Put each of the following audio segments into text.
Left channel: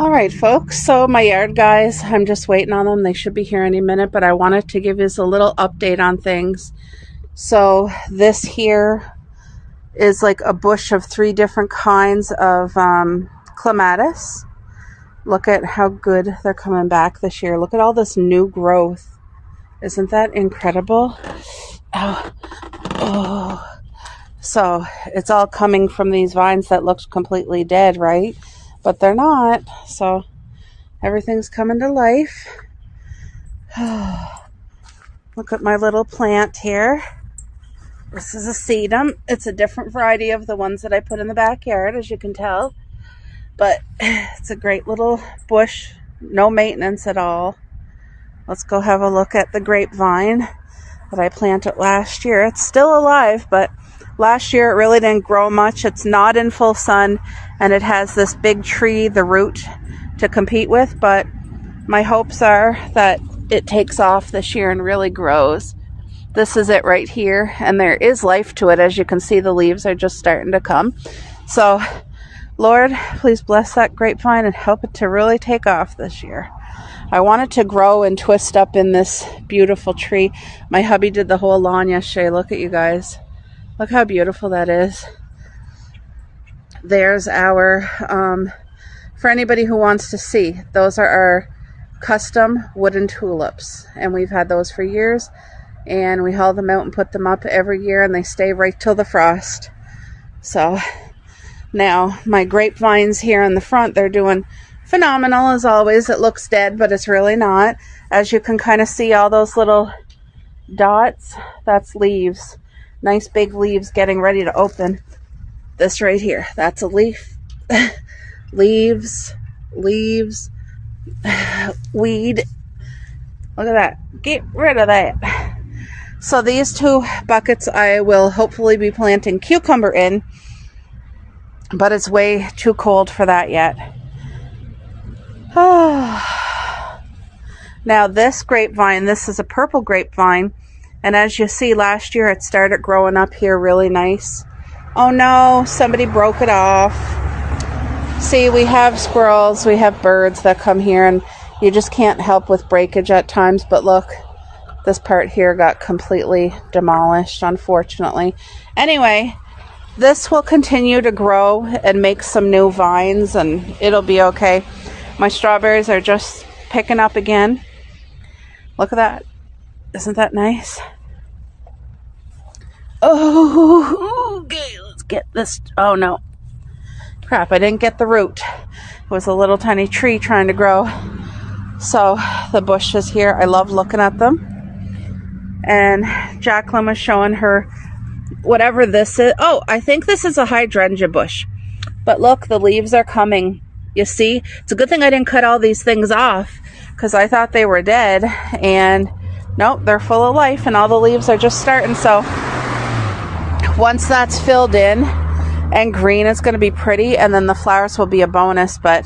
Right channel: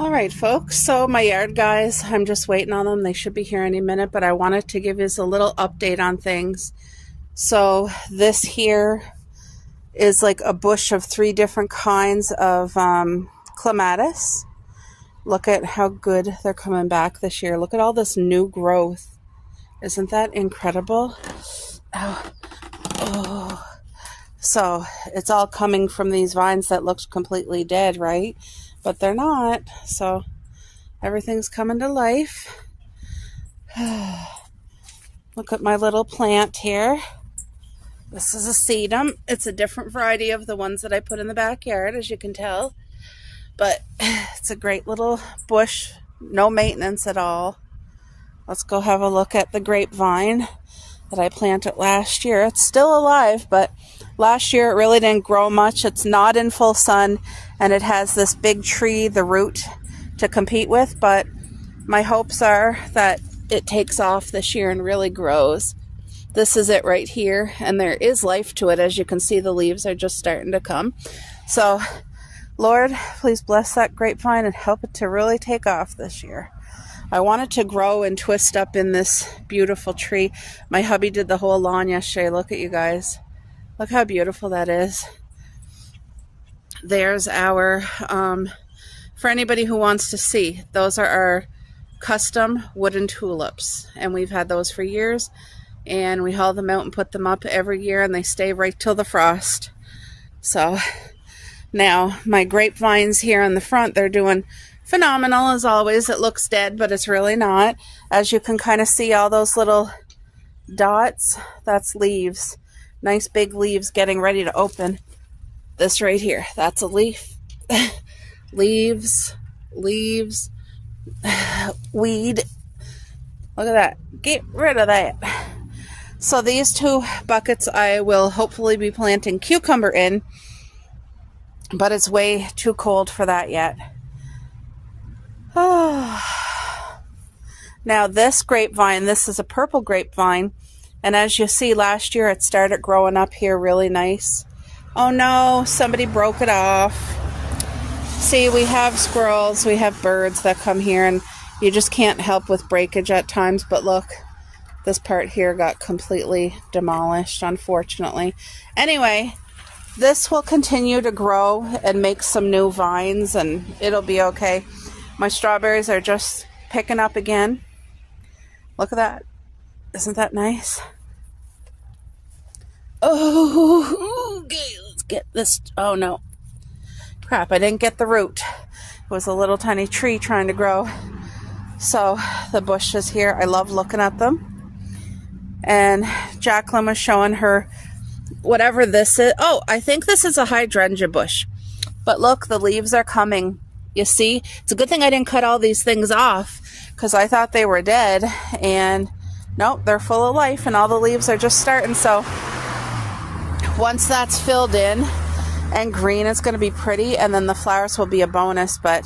All right, folks, so my yard guys, I'm just waiting on them. They should be here any minute, but I wanted to give you a little update on things. So this here is like a bush of 3 different kinds of clematis. Look at how good they're coming back this year. Look at all this new growth. Isn't that incredible? Oh. So it's all coming from these vines that looked completely dead, right? But they're not. So everything's coming to life. Look at my little plant here. This is a sedum. It's a different variety of the ones that I put in the backyard, as you can tell. But it's a great little bush. No maintenance at all. Let's go have a look at the grapevine that I planted last year. It's still alive, but last year it really didn't grow much. It's not in full sun, and it has this big tree, the root, to compete with. But my hopes are that it takes off this year and really grows. This is it right here, and there is life to it. As you can see, the leaves are just starting to come. So, Lord, please bless that grapevine and help it to really take off this year. I want it to grow and twist up in this beautiful tree. My hubby did the whole lawn yesterday. Look at you guys. Look how beautiful that is. There's our, for anybody who wants to see, those are our custom wooden tulips. And we've had those for years. And we haul them out and put them up every year, and they stay right till the frost. So now my grapevines here in the front, they're doing phenomenal as always. It looks dead, but it's really not. As you can kind of see, all those little dots, that's leaves. Nice big leaves getting ready to open. This right here, that's a leaf. Leaves, weed. Look at that. Get rid of that. So these 2 buckets I will hopefully be planting cucumber in, but it's way too cold for that yet. Oh. Now this grapevine, this is a purple grapevine, and as you see, last year it started growing up here really nice. Oh no, somebody broke it off. See, we have squirrels, we have birds that come here, and you just can't help with breakage at times. But look, this part here got completely demolished, unfortunately. Anyway, this will continue to grow and make some new vines, and it'll be okay. My strawberries are just picking up again. Look at that. Isn't that nice? Oh, okay, let's get this. Oh no. Crap, I didn't get the root. It was a little tiny tree trying to grow. So the bushes here, I love looking at them. And Jacqueline was showing her whatever this is. Oh, I think this is a hydrangea bush. But look, the leaves are coming. You see? It's a good thing I didn't cut all these things off, because I thought they were dead. And nope, they're full of life, and all the leaves are just starting. So once that's filled in and green, it's going to be pretty, and then the flowers will be a bonus. But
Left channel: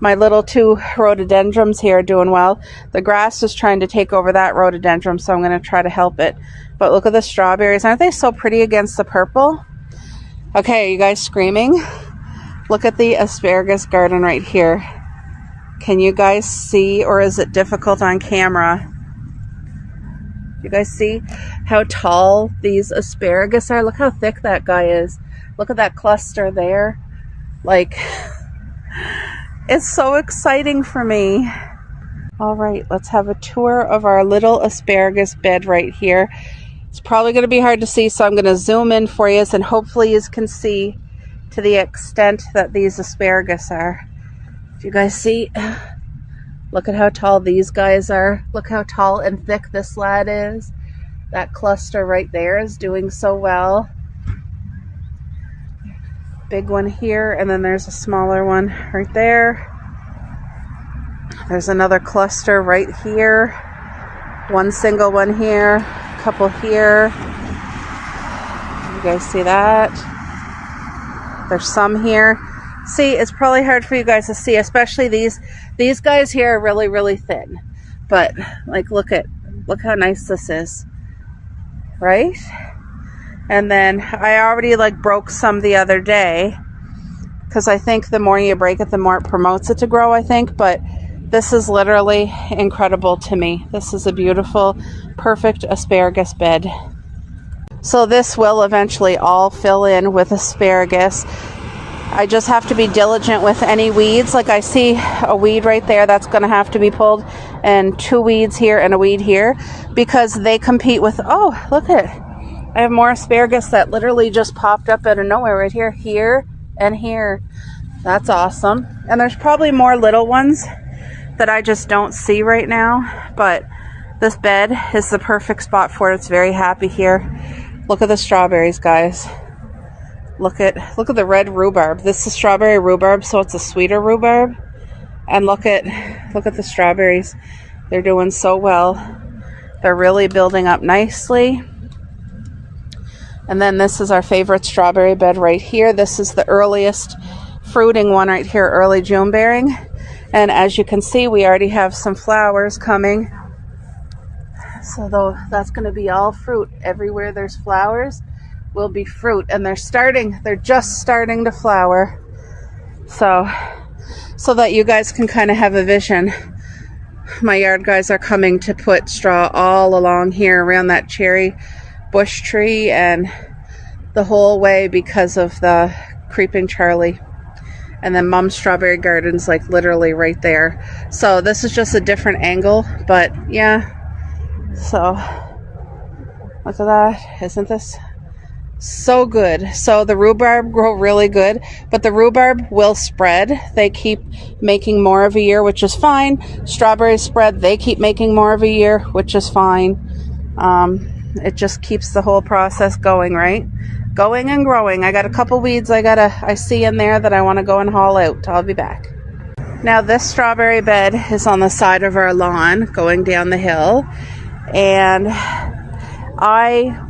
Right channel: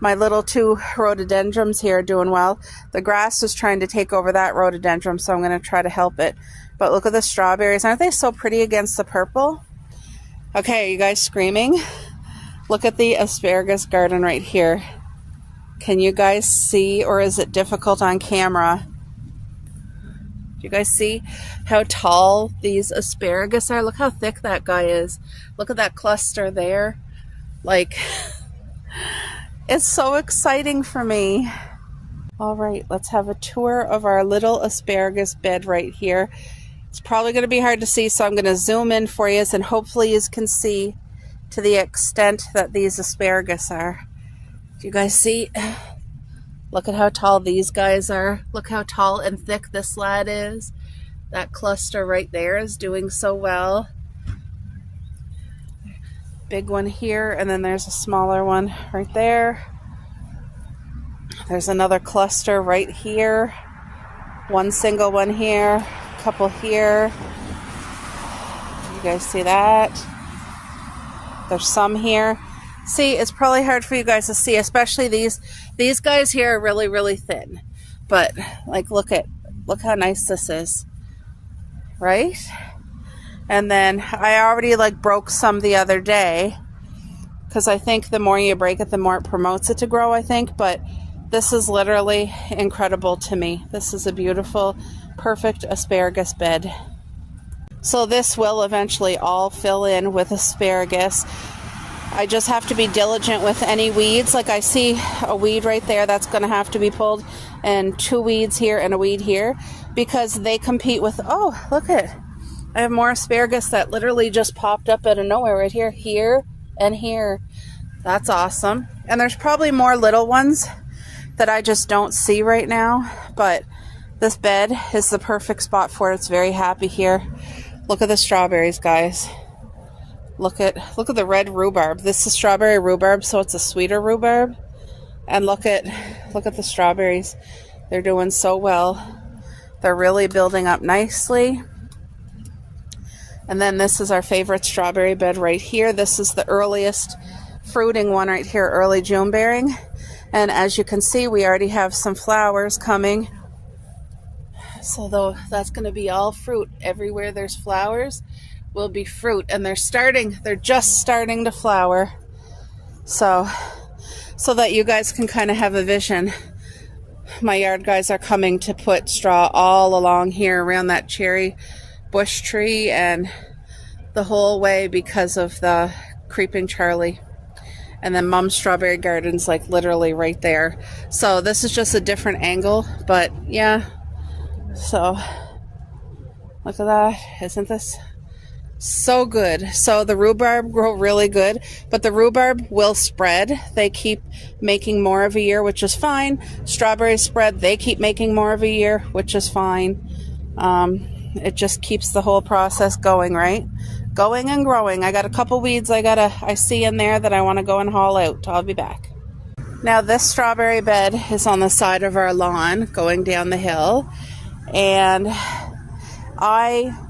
my little 2 rhododendrons here are doing well. The grass is trying to take over that rhododendron, so I'm going to try to help it. But look at the strawberries. Aren't they so pretty against the purple? Okay, are you guys screaming? Look at the asparagus garden right here. Can you guys see, or is it difficult on camera? Do you guys see how tall these asparagus are? Look how thick that guy is. Look at that cluster there. Like, it's so exciting for me. All right, let's have a tour of our little asparagus bed right here. It's probably going to be hard to see, so I'm going to zoom in for you, and hopefully you can see to the extent that these asparagus are. Do you guys see? Look at how tall these guys are. Look how tall and thick this lad is. That cluster right there is doing so well. Big one here, and then there's a smaller one right there. There's another cluster right here. One single one here, a couple here. You guys see that? There's some here. See, it's probably hard for you guys to see, especially these guys here are really, really thin. But like, look how nice this is, right? And then I already like broke some the other day because I think the more you break it, the more it promotes it to grow, I think. But this is literally incredible to me. This is a beautiful, perfect asparagus bed. So this will eventually all fill in with asparagus. I just have to be diligent with any weeds. Like I see a weed right there that's going to have to be pulled, and 2 weeds here and a weed here, because they compete with, oh, look at it. I have more asparagus that literally just popped up out of nowhere right here, here, and here. That's awesome. And there's probably more little ones that I just don't see right now, but this bed is the perfect spot for it. It's very happy here. Look at the strawberries, guys. Look at the red rhubarb. This is strawberry rhubarb, so it's a sweeter rhubarb. And look at the strawberries. They're doing so well. They're really building up nicely. And then this is our favorite strawberry bed right here. This is the earliest fruiting one right here, early June bearing. And as you can see, we already have some flowers coming. So though that's going to be all fruit. Everywhere there's flowers will be fruit, and they're just starting to flower. So that you guys can kind of have a vision. My yard guys are coming to put straw all along here around that cherry bush tree and the whole way because of the creeping Charlie. And then Mom's strawberry garden's like literally right there. So this is just a different angle, but yeah. So look at that. Isn't this so good? So the rhubarb grow really good, but the rhubarb will spread. They keep making more of a year, which is fine. Strawberries spread. They keep making more of a year, which is fine. It just keeps the whole process going, right? Going and growing. I got a couple weeds I see in there that I want to go and haul out. I'll be back. Now this strawberry bed is on the side of our lawn going down the hill. And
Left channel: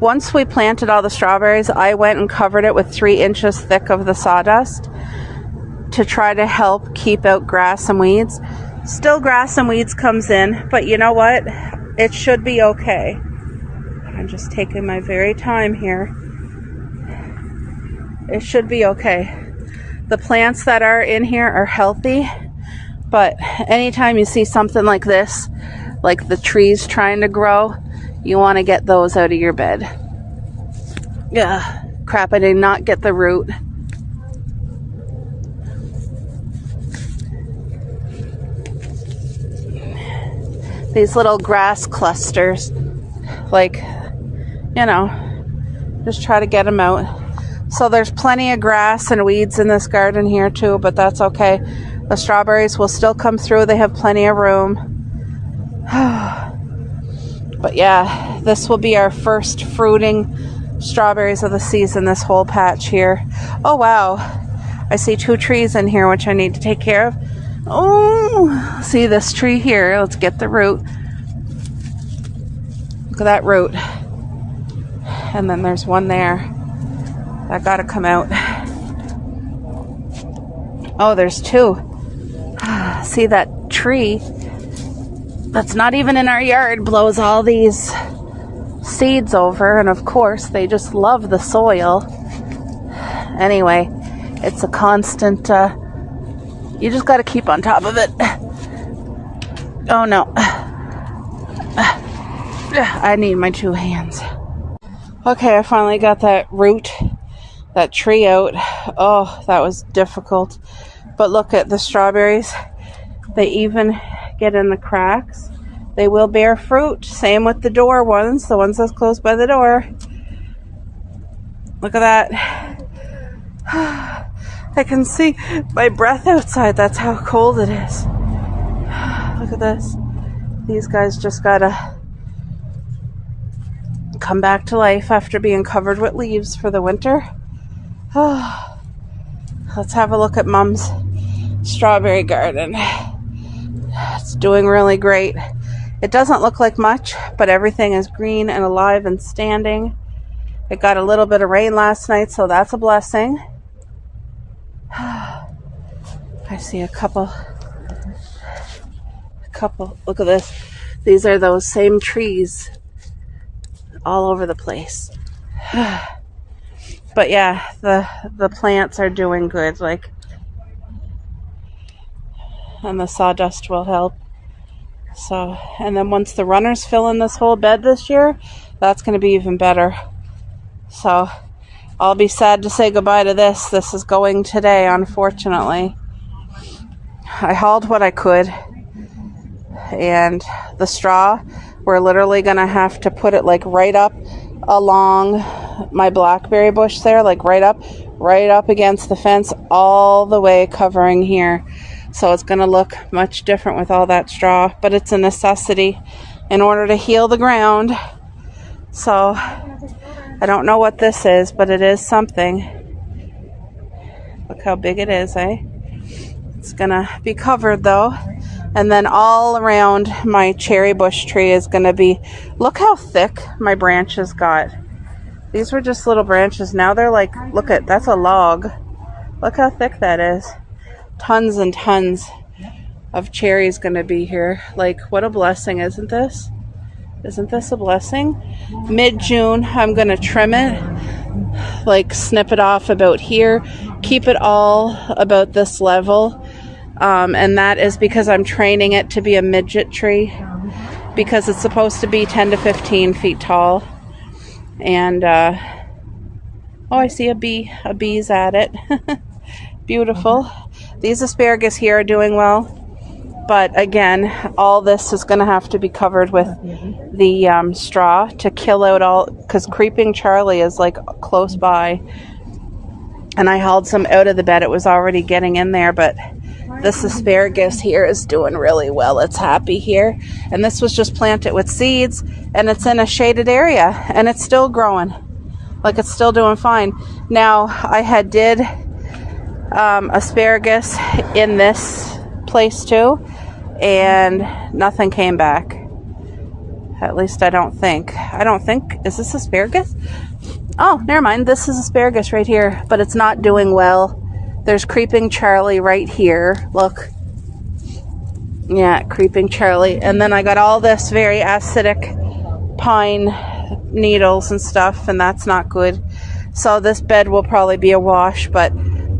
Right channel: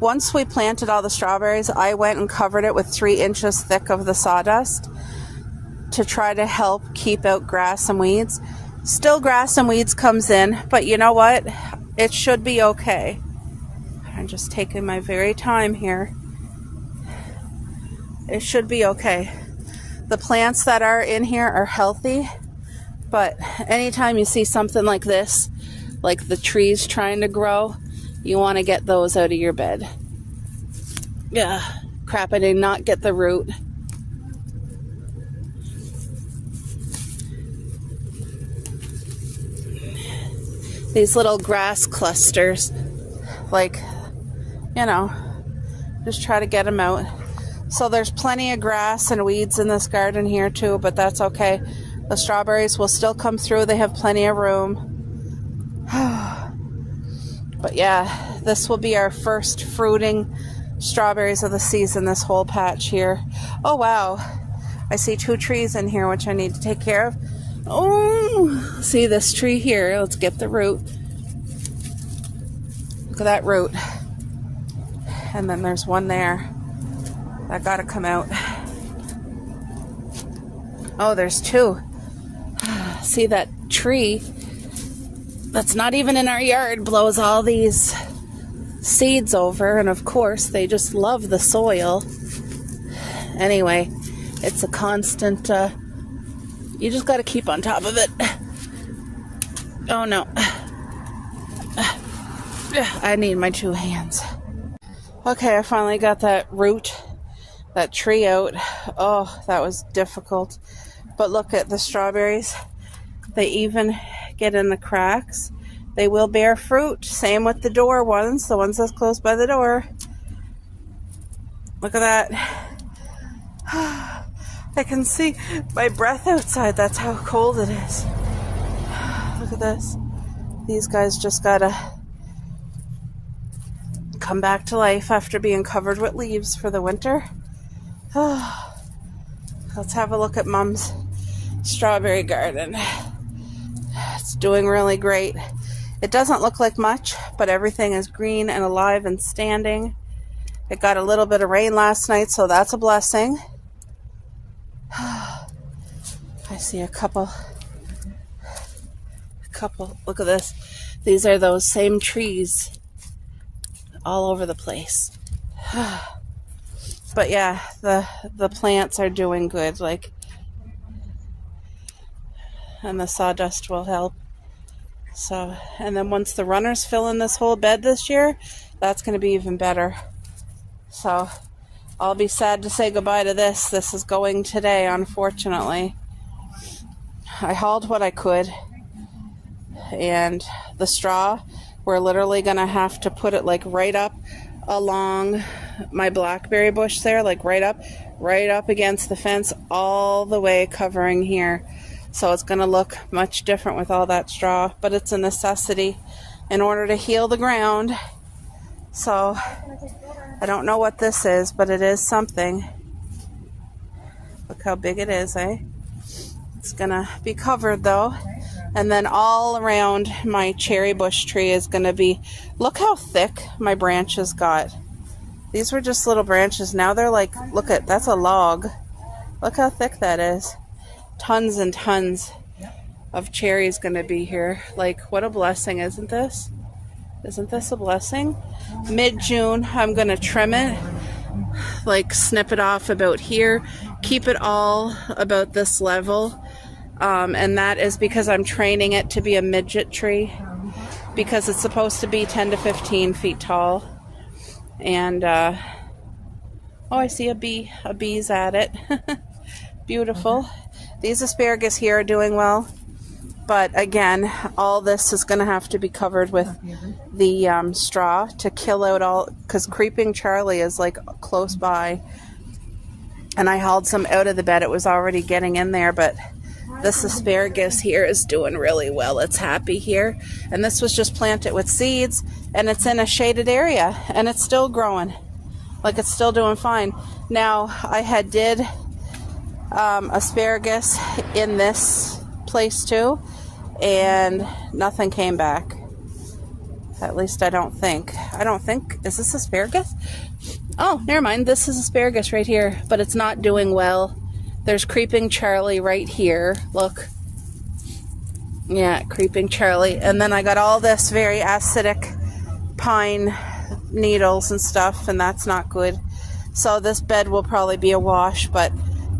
once we planted all the strawberries, I went and covered it with 3 inches thick of the sawdust to try to help keep out grass and weeds. Still grass and weeds comes in, but you know what? It should be okay. I'm just taking my very time here. It should be okay. The plants that are in here are healthy, but anytime you see something like this, like the trees trying to grow, you want to get those out of your bed. Yeah, crap, I did not get the root. These little grass clusters, like, you know, just try to get them out. So there's plenty of grass and weeds in this garden here too, but that's okay. The strawberries will still come through. They have plenty of room. But yeah, this will be our first fruiting strawberries of the season, this whole patch here. Oh wow, I see 2 trees in here which I need to take care of. Oh, see this tree here. Let's get the root. Look at that root. And then there's one there. I gotta come out. Oh, there's 2. See that tree that's not even in our yard blows all these seeds over, and of course they just love the soil. Anyway, it's a constant, you just gotta keep on top of it. Oh no. I need my 2 hands. Okay, I finally got that root, that tree out. Oh, that was difficult. But look at the strawberries. They even get in the cracks. They will bear fruit. Same with the door ones, the ones that's close by the door. Look at that. I can see my breath outside. That's how cold it is. Look at this. These guys just gotta come back to life after being covered with leaves for the winter. Oh, let's have a look at Mom's strawberry garden. It's doing really great. It doesn't look like much, but everything is green and alive and standing. It got a little bit of rain last night, so that's a blessing. I see a couple. Look at this. These are those same trees all over the place. But yeah, the plants are doing good. Like, and the sawdust will help. So, and then once the runners fill in this whole bed this year, that's going to be even better. So I'll be sad to say goodbye to this. This is going today, unfortunately. I hauled what I could, and the straw, we're literally going to have to put it like right up along my blackberry bush there, like right up against the fence, all the way covering here. So it's going to look much different with all that straw, but it's a necessity in order to heal the ground. So I don't know what this is, but it is something. Look how big it is, eh? It's going to be covered though. And then all around my cherry bush tree is going to be, look how thick my branches got. These were just little branches. Now they're like, look at, that's a log. Look how thick that is. Tons and tons of cherries going to be here. Like, what a blessing, isn't this? Isn't this a blessing? Mid-June, I'm going to trim it, like snip it off about here, keep it all about this level. And that is because I'm training it to be a midget tree, because it's supposed to be 10 to 15 feet tall. And, oh, I see a bee. A bee's at it. Beautiful. These asparagus here are doing well. But again, all this is going to have to be covered with the straw to kill out all, because Creeping Charlie is like close by. And I hauled some out of the bed. It was already getting in there, but this asparagus here is doing really well. It's happy here. And this was just planted with seeds, and it's in a shaded area, and it's still growing. Like, it's still doing fine. Now, I had did asparagus in this place too, and nothing came back. At least I don't think. Is this asparagus? Oh, never mind. This is asparagus right here, but it's not doing well. There's Creeping Charlie right here. Look. Yeah, Creeping Charlie. And then I got all this very acidic pine needles and stuff, and that's not good. So this bed will probably be a wash, but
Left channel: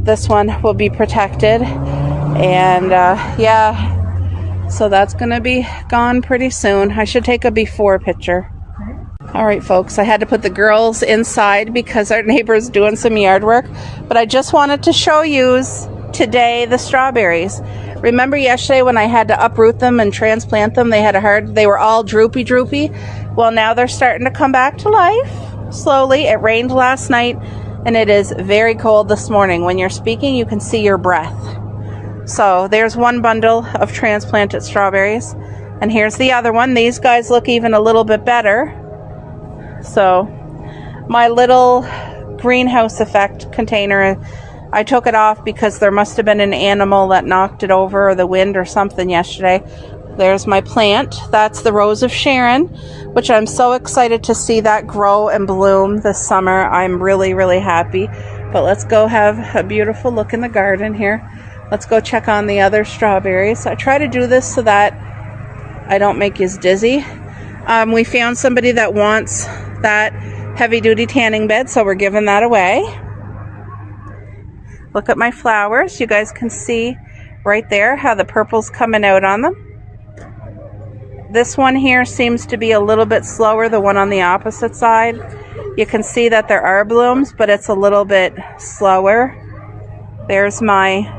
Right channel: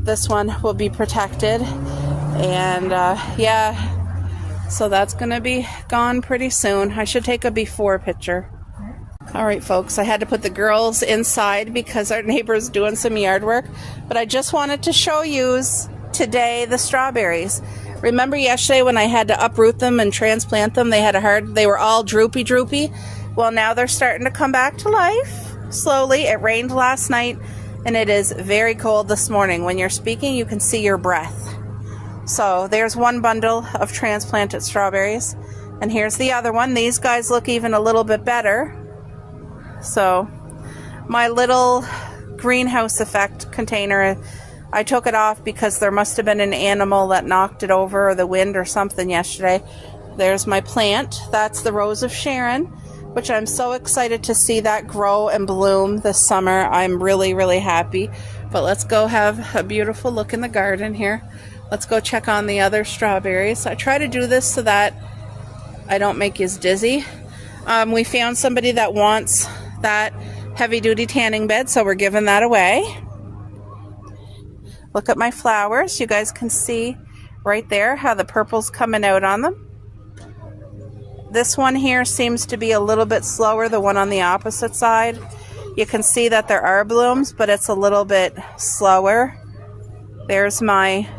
this one will be protected. And yeah, so that's going to be gone pretty soon. I should take a before picture. All right, folks, I had to put the girls inside because our neighbor's doing some yard work. But I just wanted to show you today the strawberries. Remember yesterday when I had to uproot them and transplant them? They were all droopy. Well, now they're starting to come back to life slowly. It rained last night, and it is very cold this morning. When you're speaking, you can see your breath. So there's one bundle of transplanted strawberries, and here's the other one. These guys look even a little bit better. So my little greenhouse effect container, I took it off because there must have been an animal that knocked it over, or the wind or something yesterday. There's my plant. That's the Rose of Sharon, which I'm so excited to see that grow and bloom this summer. I'm really, really happy. But let's go have a beautiful look in the garden here. Let's go check on the other strawberries. I try to do this so that I don't make you dizzy. We found somebody that wants that heavy-duty tanning bed, so we're giving that away. Look at my flowers. You guys can see right there how the purple's coming out on them. This one here seems to be a little bit slower, the one on the opposite side. You can see that there are blooms, but it's a little bit slower. There's my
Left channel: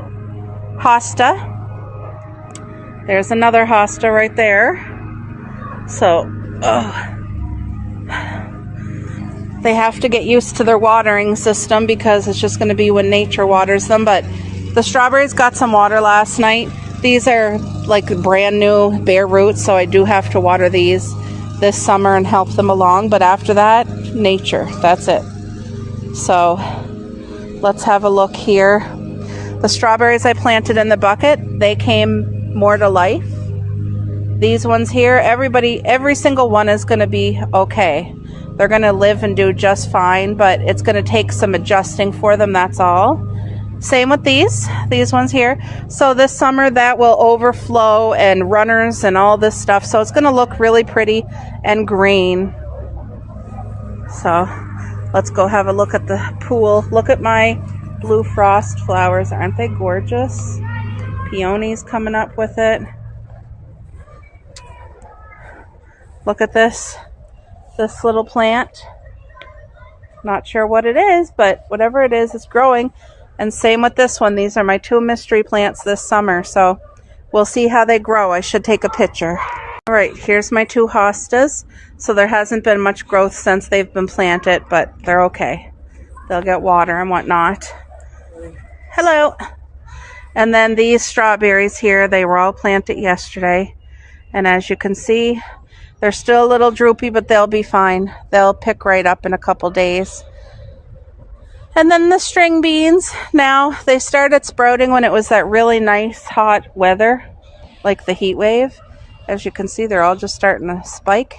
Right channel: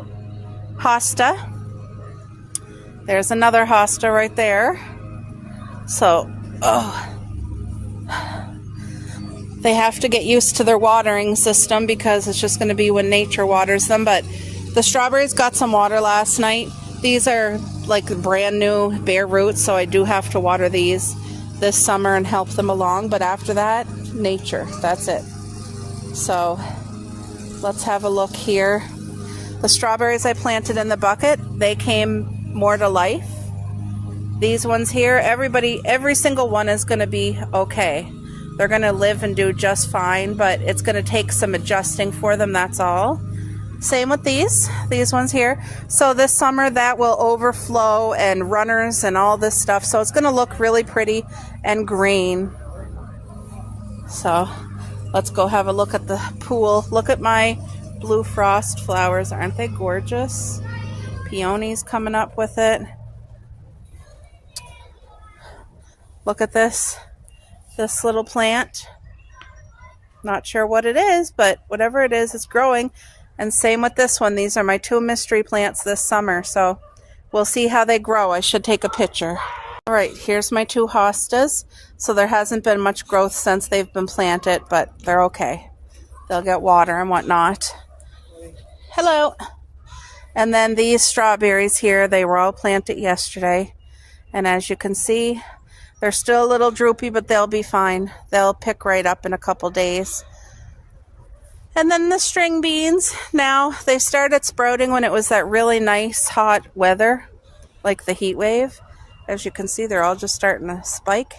hosta. There's another hosta right there. So, they have to get used to their watering system because it's just going to be when nature waters them. But the strawberries got some water last night. These are like brand new bare roots, so I do have to water these this summer and help them along. But after that, nature, that's it. So let's have a look here. The strawberries I planted in the bucket, they came more to life. These ones here, every single one is going to be okay. They're going to live and do just fine, but it's going to take some adjusting for them, that's all. Same with these ones here. So this summer that will overflow and runners and all this stuff. So it's going to look really pretty and green. So let's go have a look at the pool. Look at my blue frost flowers. Aren't they gorgeous? peonies coming up with it. Look at this little plant. Not sure what it is, but whatever it is, it's growing. And same with this one. These are my 2 mystery plants this summer, so we'll see how they grow. I should take a picture. All right, here's my 2 hostas. So there hasn't been much growth since they've been planted, but they're okay. They'll get water and whatnot. Hello. And then these strawberries here, they were all planted yesterday. And as you can see, they're still a little droopy, but they'll be fine. They'll pick right up in a couple days. And then the string beans, now they started sprouting when it was that really nice hot weather, like the heat wave. As you can see, they're all just starting to spike.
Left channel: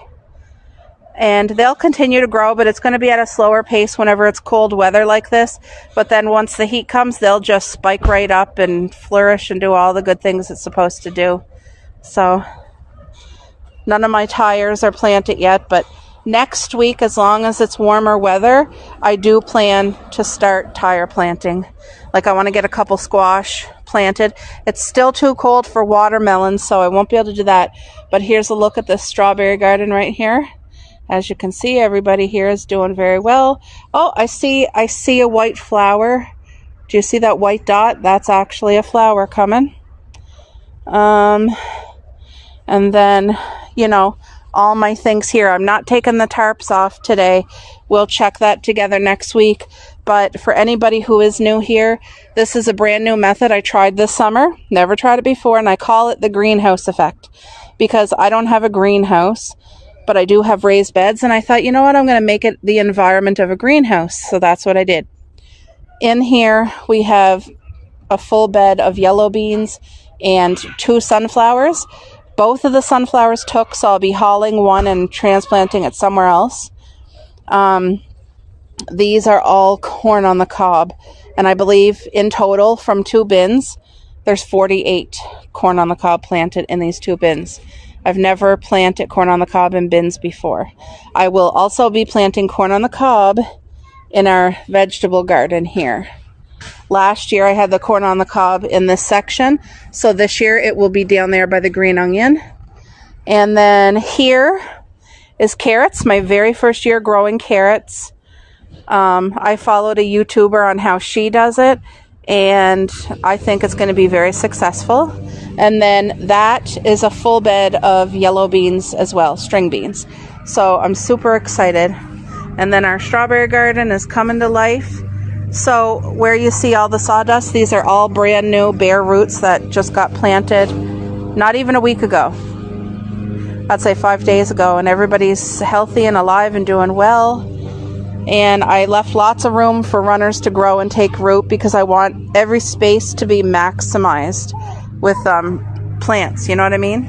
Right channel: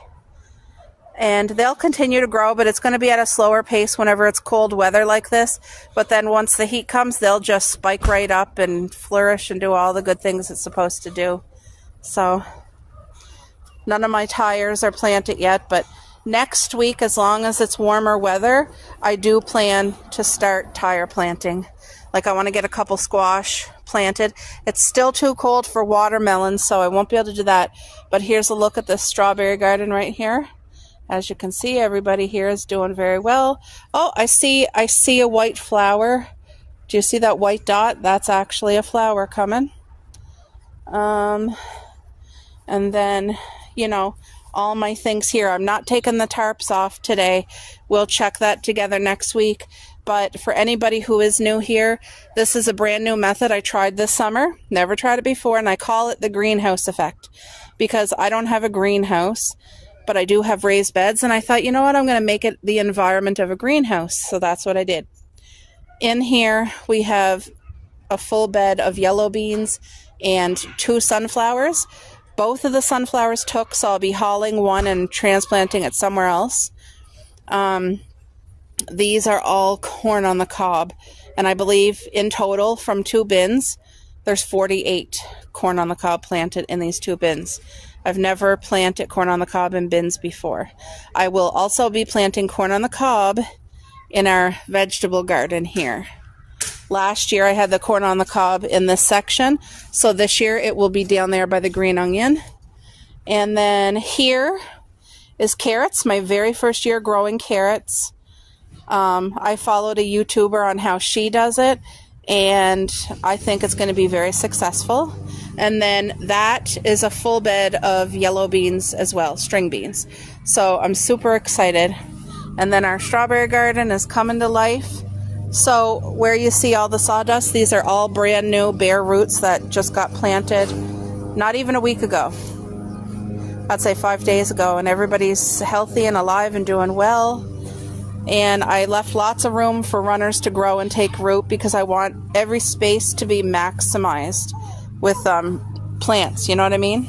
And they'll continue to grow, but it's going to be at a slower pace whenever it's cold weather like this. But then once the heat comes, they'll just spike right up and flourish and do all the good things it's supposed to do. So none of my tires are planted yet, but next week, as long as it's warmer weather, I do plan to start tire planting. Like I want to get a couple squash planted. It's still too cold for watermelons, so I won't be able to do that. But here's a look at this strawberry garden right here. As you can see, everybody here is doing very well. Oh, I see a white flower. Do you see that white dot? That's actually a flower coming. And then, you know, all my things here. I'm not taking the tarps off today. We'll check that together next week. But for anybody who is new here, this is a brand new method I tried this summer. Never tried it before, and I call it the greenhouse effect because I don't have a greenhouse, but I do have raised beds, and I thought, you know what, I'm going to make it the environment of a greenhouse. So that's what I did. In here, we have a full bed of yellow beans and 2 sunflowers. Both of the sunflowers took, so I'll be hauling one and transplanting it somewhere else. These are all corn on the cob, and I believe in total from 2 bins, there's 48 corn on the cob planted in these 2 bins. I've never planted corn on the cob in bins before. I will also be planting corn on the cob in our vegetable garden here. Last year I had the corn on the cob in this section, so this year it will be down there by the green onion. And then here is carrots, my very first year growing carrots. I followed a YouTuber on how she does it, and I think it's going to be very successful. And then that is a full bed of yellow beans as well, string beans. So I'm super excited. And then our strawberry garden is coming to life. So where you see all the sawdust, these are all brand new bare roots that just got planted not even a week ago. I'd say 5 days ago, and everybody's healthy and alive and doing well. And I left lots of room for runners to grow and take root because I want every space to be maximized with plants, you know what I mean?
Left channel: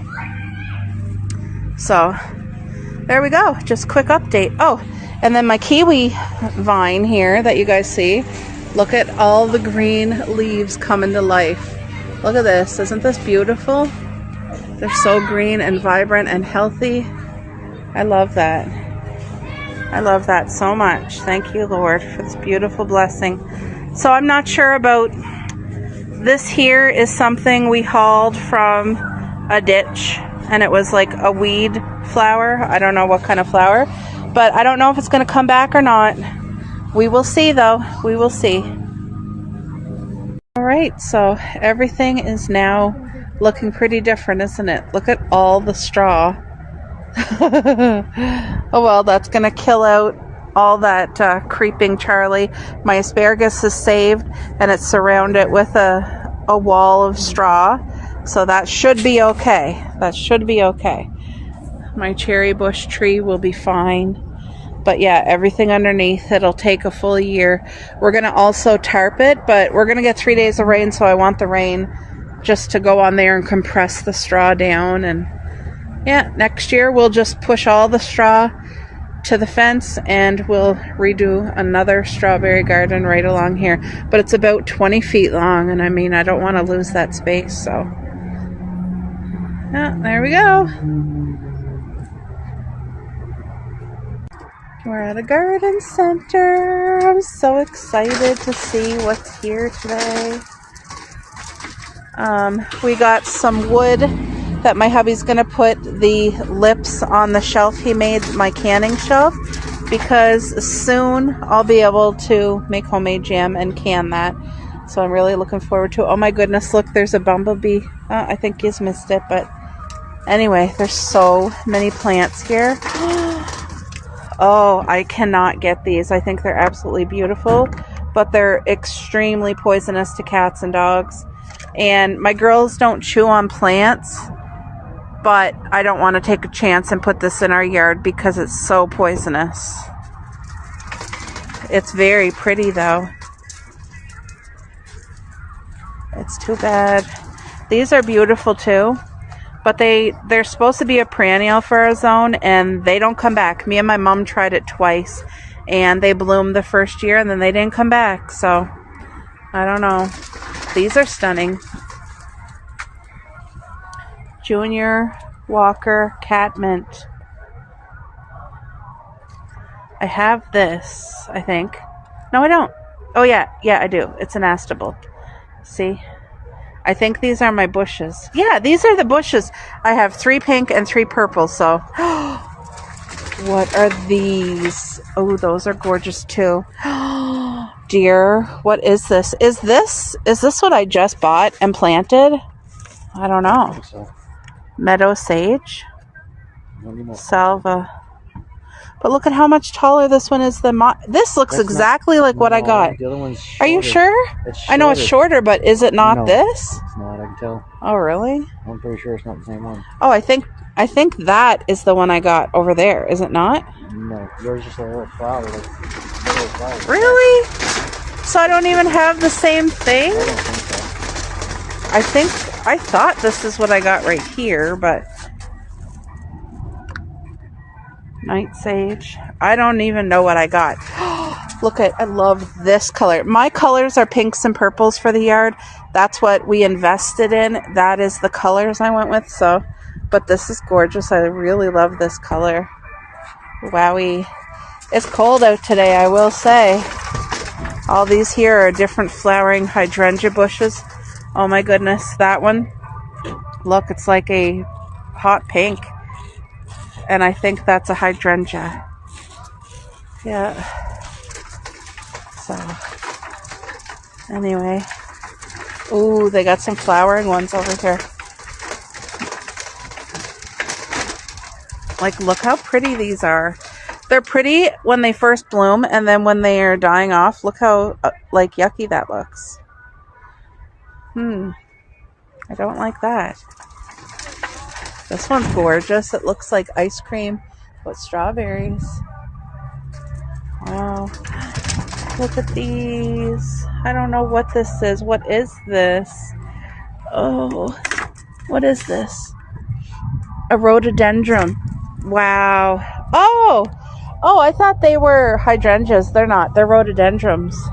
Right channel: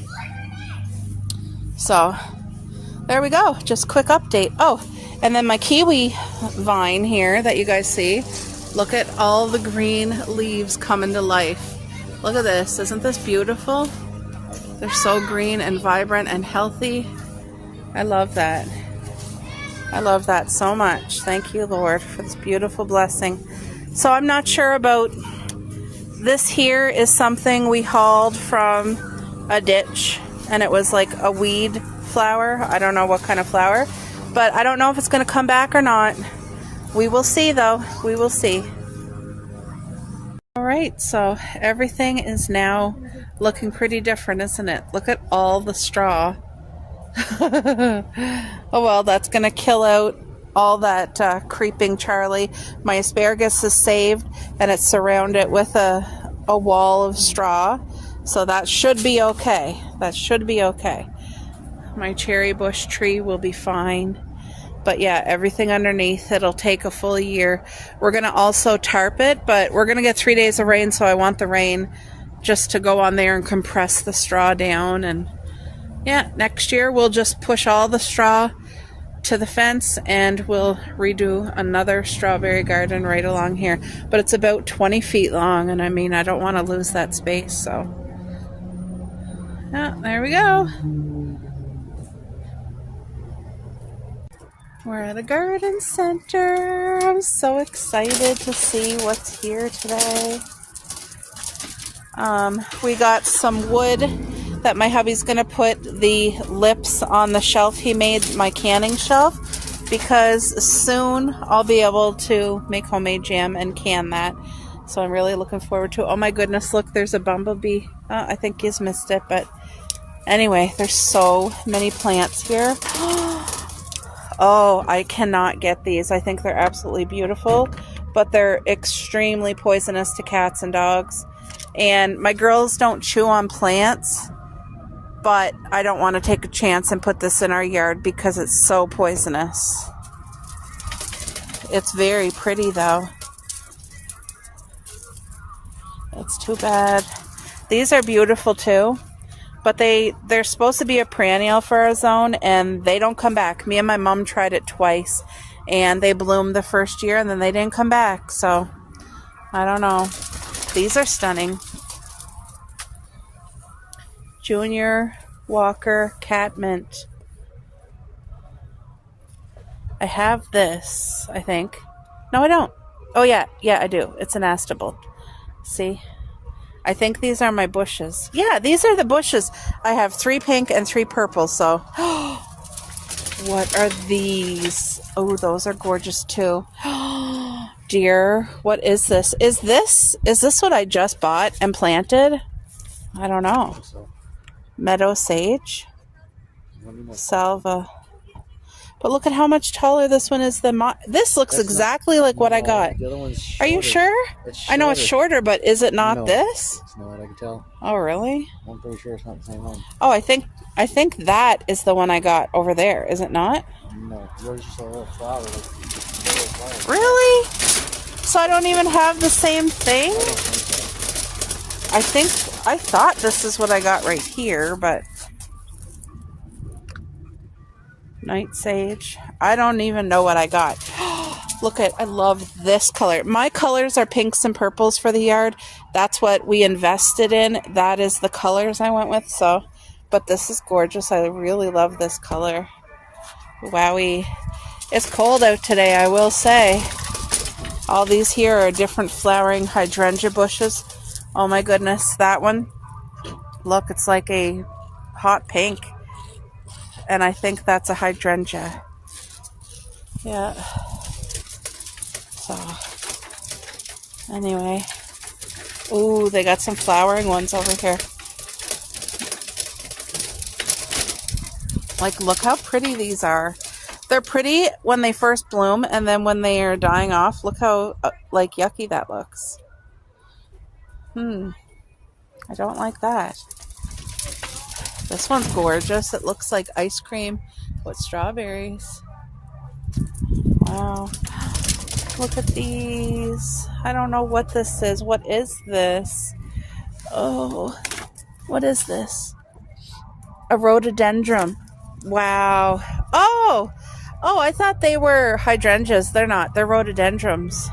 So there we go, just quick update. Oh, and then my kiwi vine here that you guys see, look at all the green leaves coming to life. Look at this, isn't this beautiful? They're so green and vibrant and healthy. I love that. I love that so much. Thank you, Lord, for this beautiful blessing. So I'm not sure about this. Here is something we hauled from a ditch, and it was like a weed flower. I don't know what kind of flower, but I don't know if it's going to come back or not. We will see, though. We will see. All right, so everything is now looking pretty different, isn't it? Look at all the straw. Oh well, that's gonna kill out all that creeping Charlie. My asparagus is saved, and it's surrounded with a wall of straw, so that should be okay. That should be okay. My cherry bush tree will be fine, but yeah, everything underneath, it'll take a full year. We're gonna also tarp it, but we're gonna get 3 days of rain, so I want the rain just to go on there and compress the straw down. And yeah, next year we'll just push all the straw to the fence and we'll redo another strawberry garden right along here. But it's about 20 feet long, and I mean, I don't want to lose that space, so yeah, there we go. We're at the garden center. I'm so excited to see what's here today. We got some wood that my hubby's gonna put the lips on the shelf he made, my canning shelf, because soon I'll be able to make homemade jam and can that. So I'm really looking forward to it. Oh my goodness, look, there's a bumblebee. I think he's missed it, but anyway, there's so many plants here. Oh, I cannot get these. I think they're absolutely beautiful, but they're extremely poisonous to cats and dogs. And my girls don't chew on plants, but I don't want to take a chance and put this in our yard because it's so poisonous. It's very pretty though. It's too bad. These are beautiful too, but they're supposed to be a perennial for our zone, and they don't come back. Me and my mom tried it twice, and they bloomed the first year, and then they didn't come back. So, I don't know. These are stunning. Junior Walker Catmint. I have this, I think. No, I don't. Oh, yeah, I do. It's an astable. See? I think these are my bushes. Yeah, these are the bushes. I have 3 pink and 3 purple, so. What are these? Oh, those are gorgeous too. Dear, what is this? Is this what I just bought and planted? I don't know. I think so. Meadow sage. Salva. But look at how much taller this one is than this looks That's exactly not, like what I got. The other one's shorter. Are you sure? I know it's shorter, but is it not this? It's not, I can tell. Oh, really? I'm pretty sure it's not the same one. Oh, I think that is the one I got over there. Is it not? No, yours just a little flower. Flower. Really? So I don't even have the same thing? I don't think so. I thought this is what I got right here, but night sage. I don't even know what I got. Look I love this color. My colors are pinks and purples for the yard. That's what we invested in. That is the colors I went with. So, but this is gorgeous. I really love this color. Wowie. It's cold out today, I will say. All these here are different flowering hydrangea bushes. Oh my goodness, that one. Look, it's like a hot pink. And I think that's a hydrangea. Yeah. So, anyway. Ooh, they got some flowering ones over here. Like, look how pretty these are. They're pretty when they first bloom, and then when they are dying off, look how, like, yucky that looks. I don't like that. This one's gorgeous. It looks like ice cream with strawberries. Wow. Look at these. I don't know what this is. What is this? Oh, what is this? A rhododendron. Wow. Oh, I thought they were hydrangeas. They're not. They're rhododendrons.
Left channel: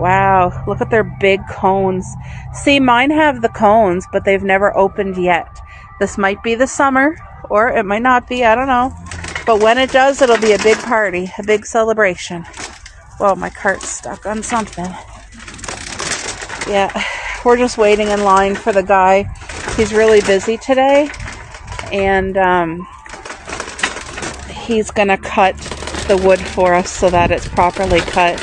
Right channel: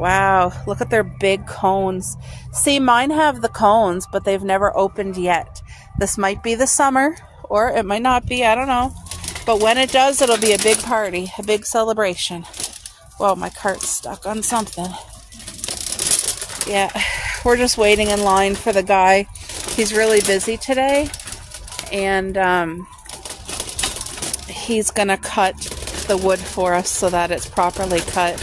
Wow, look at their big cones. See, mine have the cones, but they've never opened yet. This might be the summer, or it might not be, I don't know. But when it does, it'll be a big party, a big celebration. Well, my cart's stuck on something. Yeah, we're just waiting in line for the guy. He's really busy today, and he's gonna cut the wood for us so that it's properly cut.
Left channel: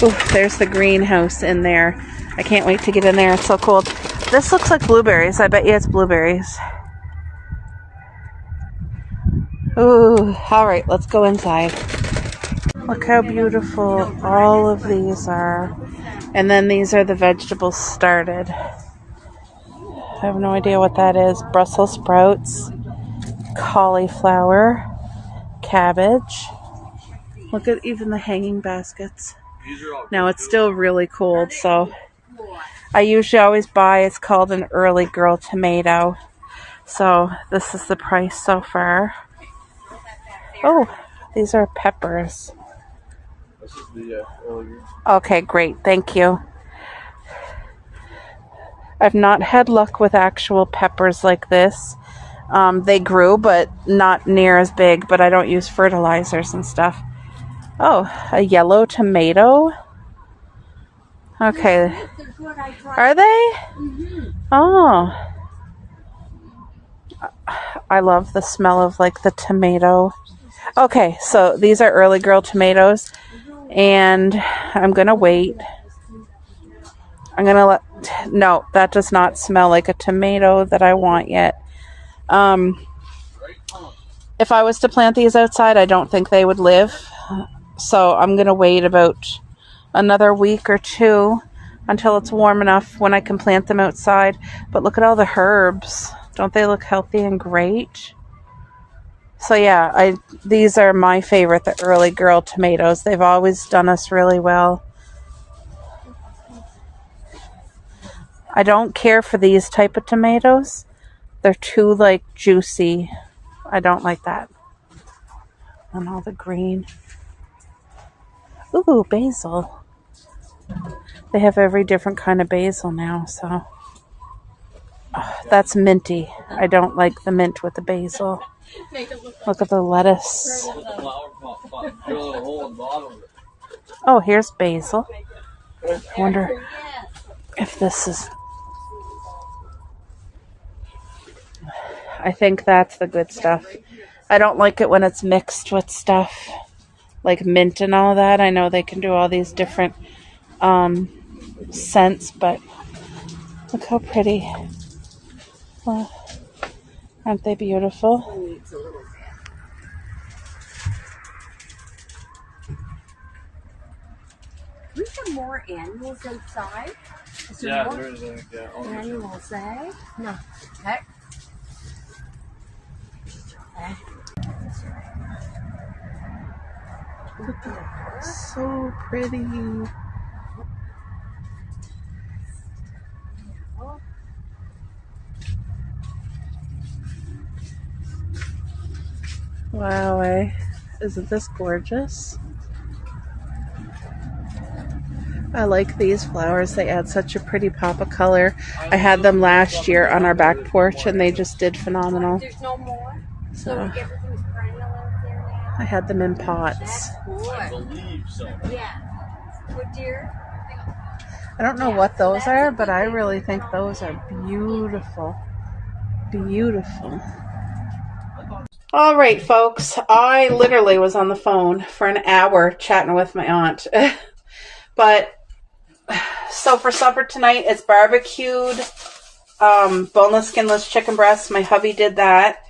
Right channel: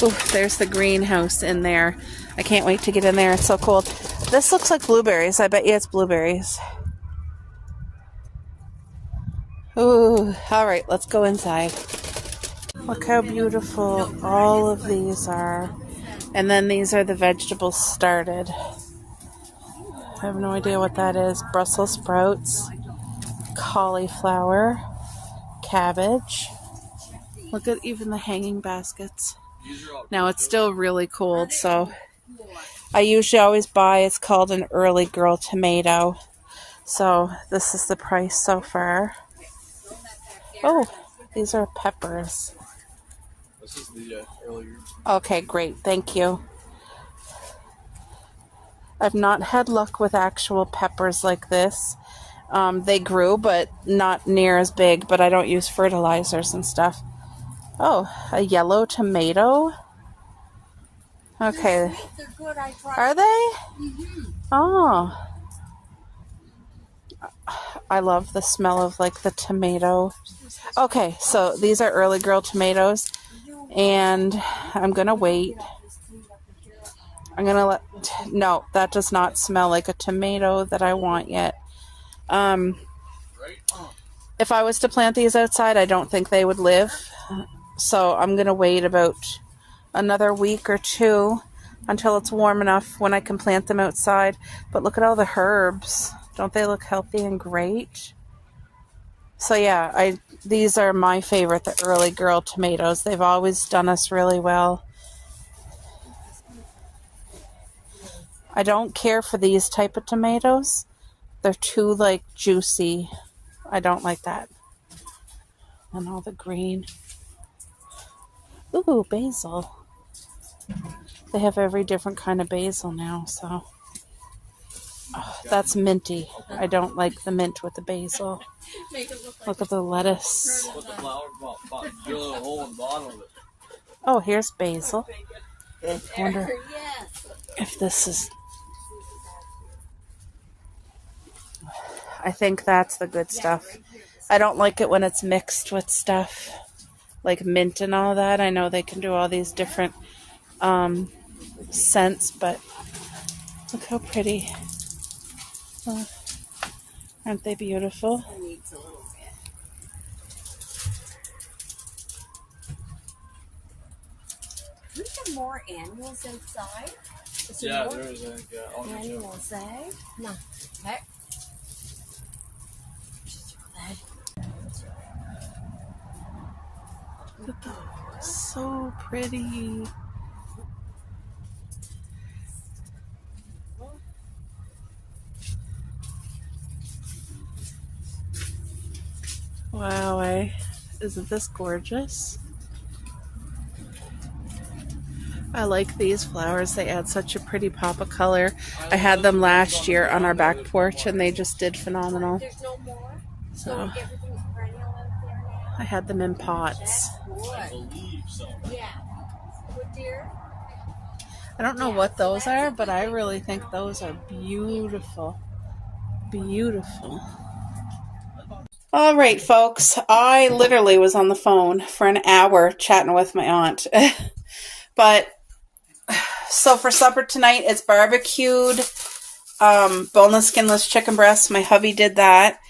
Ooh, there's the greenhouse in there. I can't wait to get in there. It's so cold. This looks like blueberries. I bet you it's blueberries. Ooh, all right, let's go inside. Look how beautiful all of these are. And then these are the vegetables started. I have no idea what that is. Brussels sprouts, cauliflower, cabbage. Look at even the hanging baskets. Now it's still really cold, so I usually always buy, it's called an early girl tomato. So this is the price so far. Oh, these are peppers. This is the earlier. Okay, great. Thank you. I've not had luck with actual peppers like this. They grew, but not near as big, but I don't use fertilizers and stuff. Oh, a yellow tomato. Okay. They're good. I tried. Are they? Oh. I love the smell of like the tomato. Okay, so these are early girl tomatoes, and I'm gonna wait. I'm gonna let. No, that does not smell like a tomato that I want yet. If I was to plant these outside, I don't think they would live. So I'm gonna wait about another week or two until it's warm enough when I can plant them outside. But look at all the herbs. Don't they look healthy and great? So yeah, these are my favorite, the early girl tomatoes. They've always done us really well. I don't care for these type of tomatoes. They're too like juicy. I don't like that. And all the green. Ooh, basil. They have every different kind of basil now, so. Oh, that's minty. I don't like the mint with the basil. Look at the lettuce. Oh, here's basil. I wonder if this is... I think that's the good stuff. I don't like it when it's mixed with stuff like mint and all that. I know they can do all these different scents, but look how pretty. Oh, aren't they beautiful? We have more animals outside. Yeah, there is Animals, eh? No. Heck. So pretty. Wow, isn't this gorgeous? I like these flowers. They add such a pretty pop of color. I had them last year on our back porch and they just did phenomenal. There's no more. So So everything's perennial out there now. I had them in pots. That's good. I believe so. Yeah. Good dear. I don't know what those are, but I really think those are beautiful. Beautiful. All right, folks. I literally was on the phone for an hour chatting with my aunt. But so for supper tonight, it's barbecued boneless, skinless chicken breast. My hubby did that.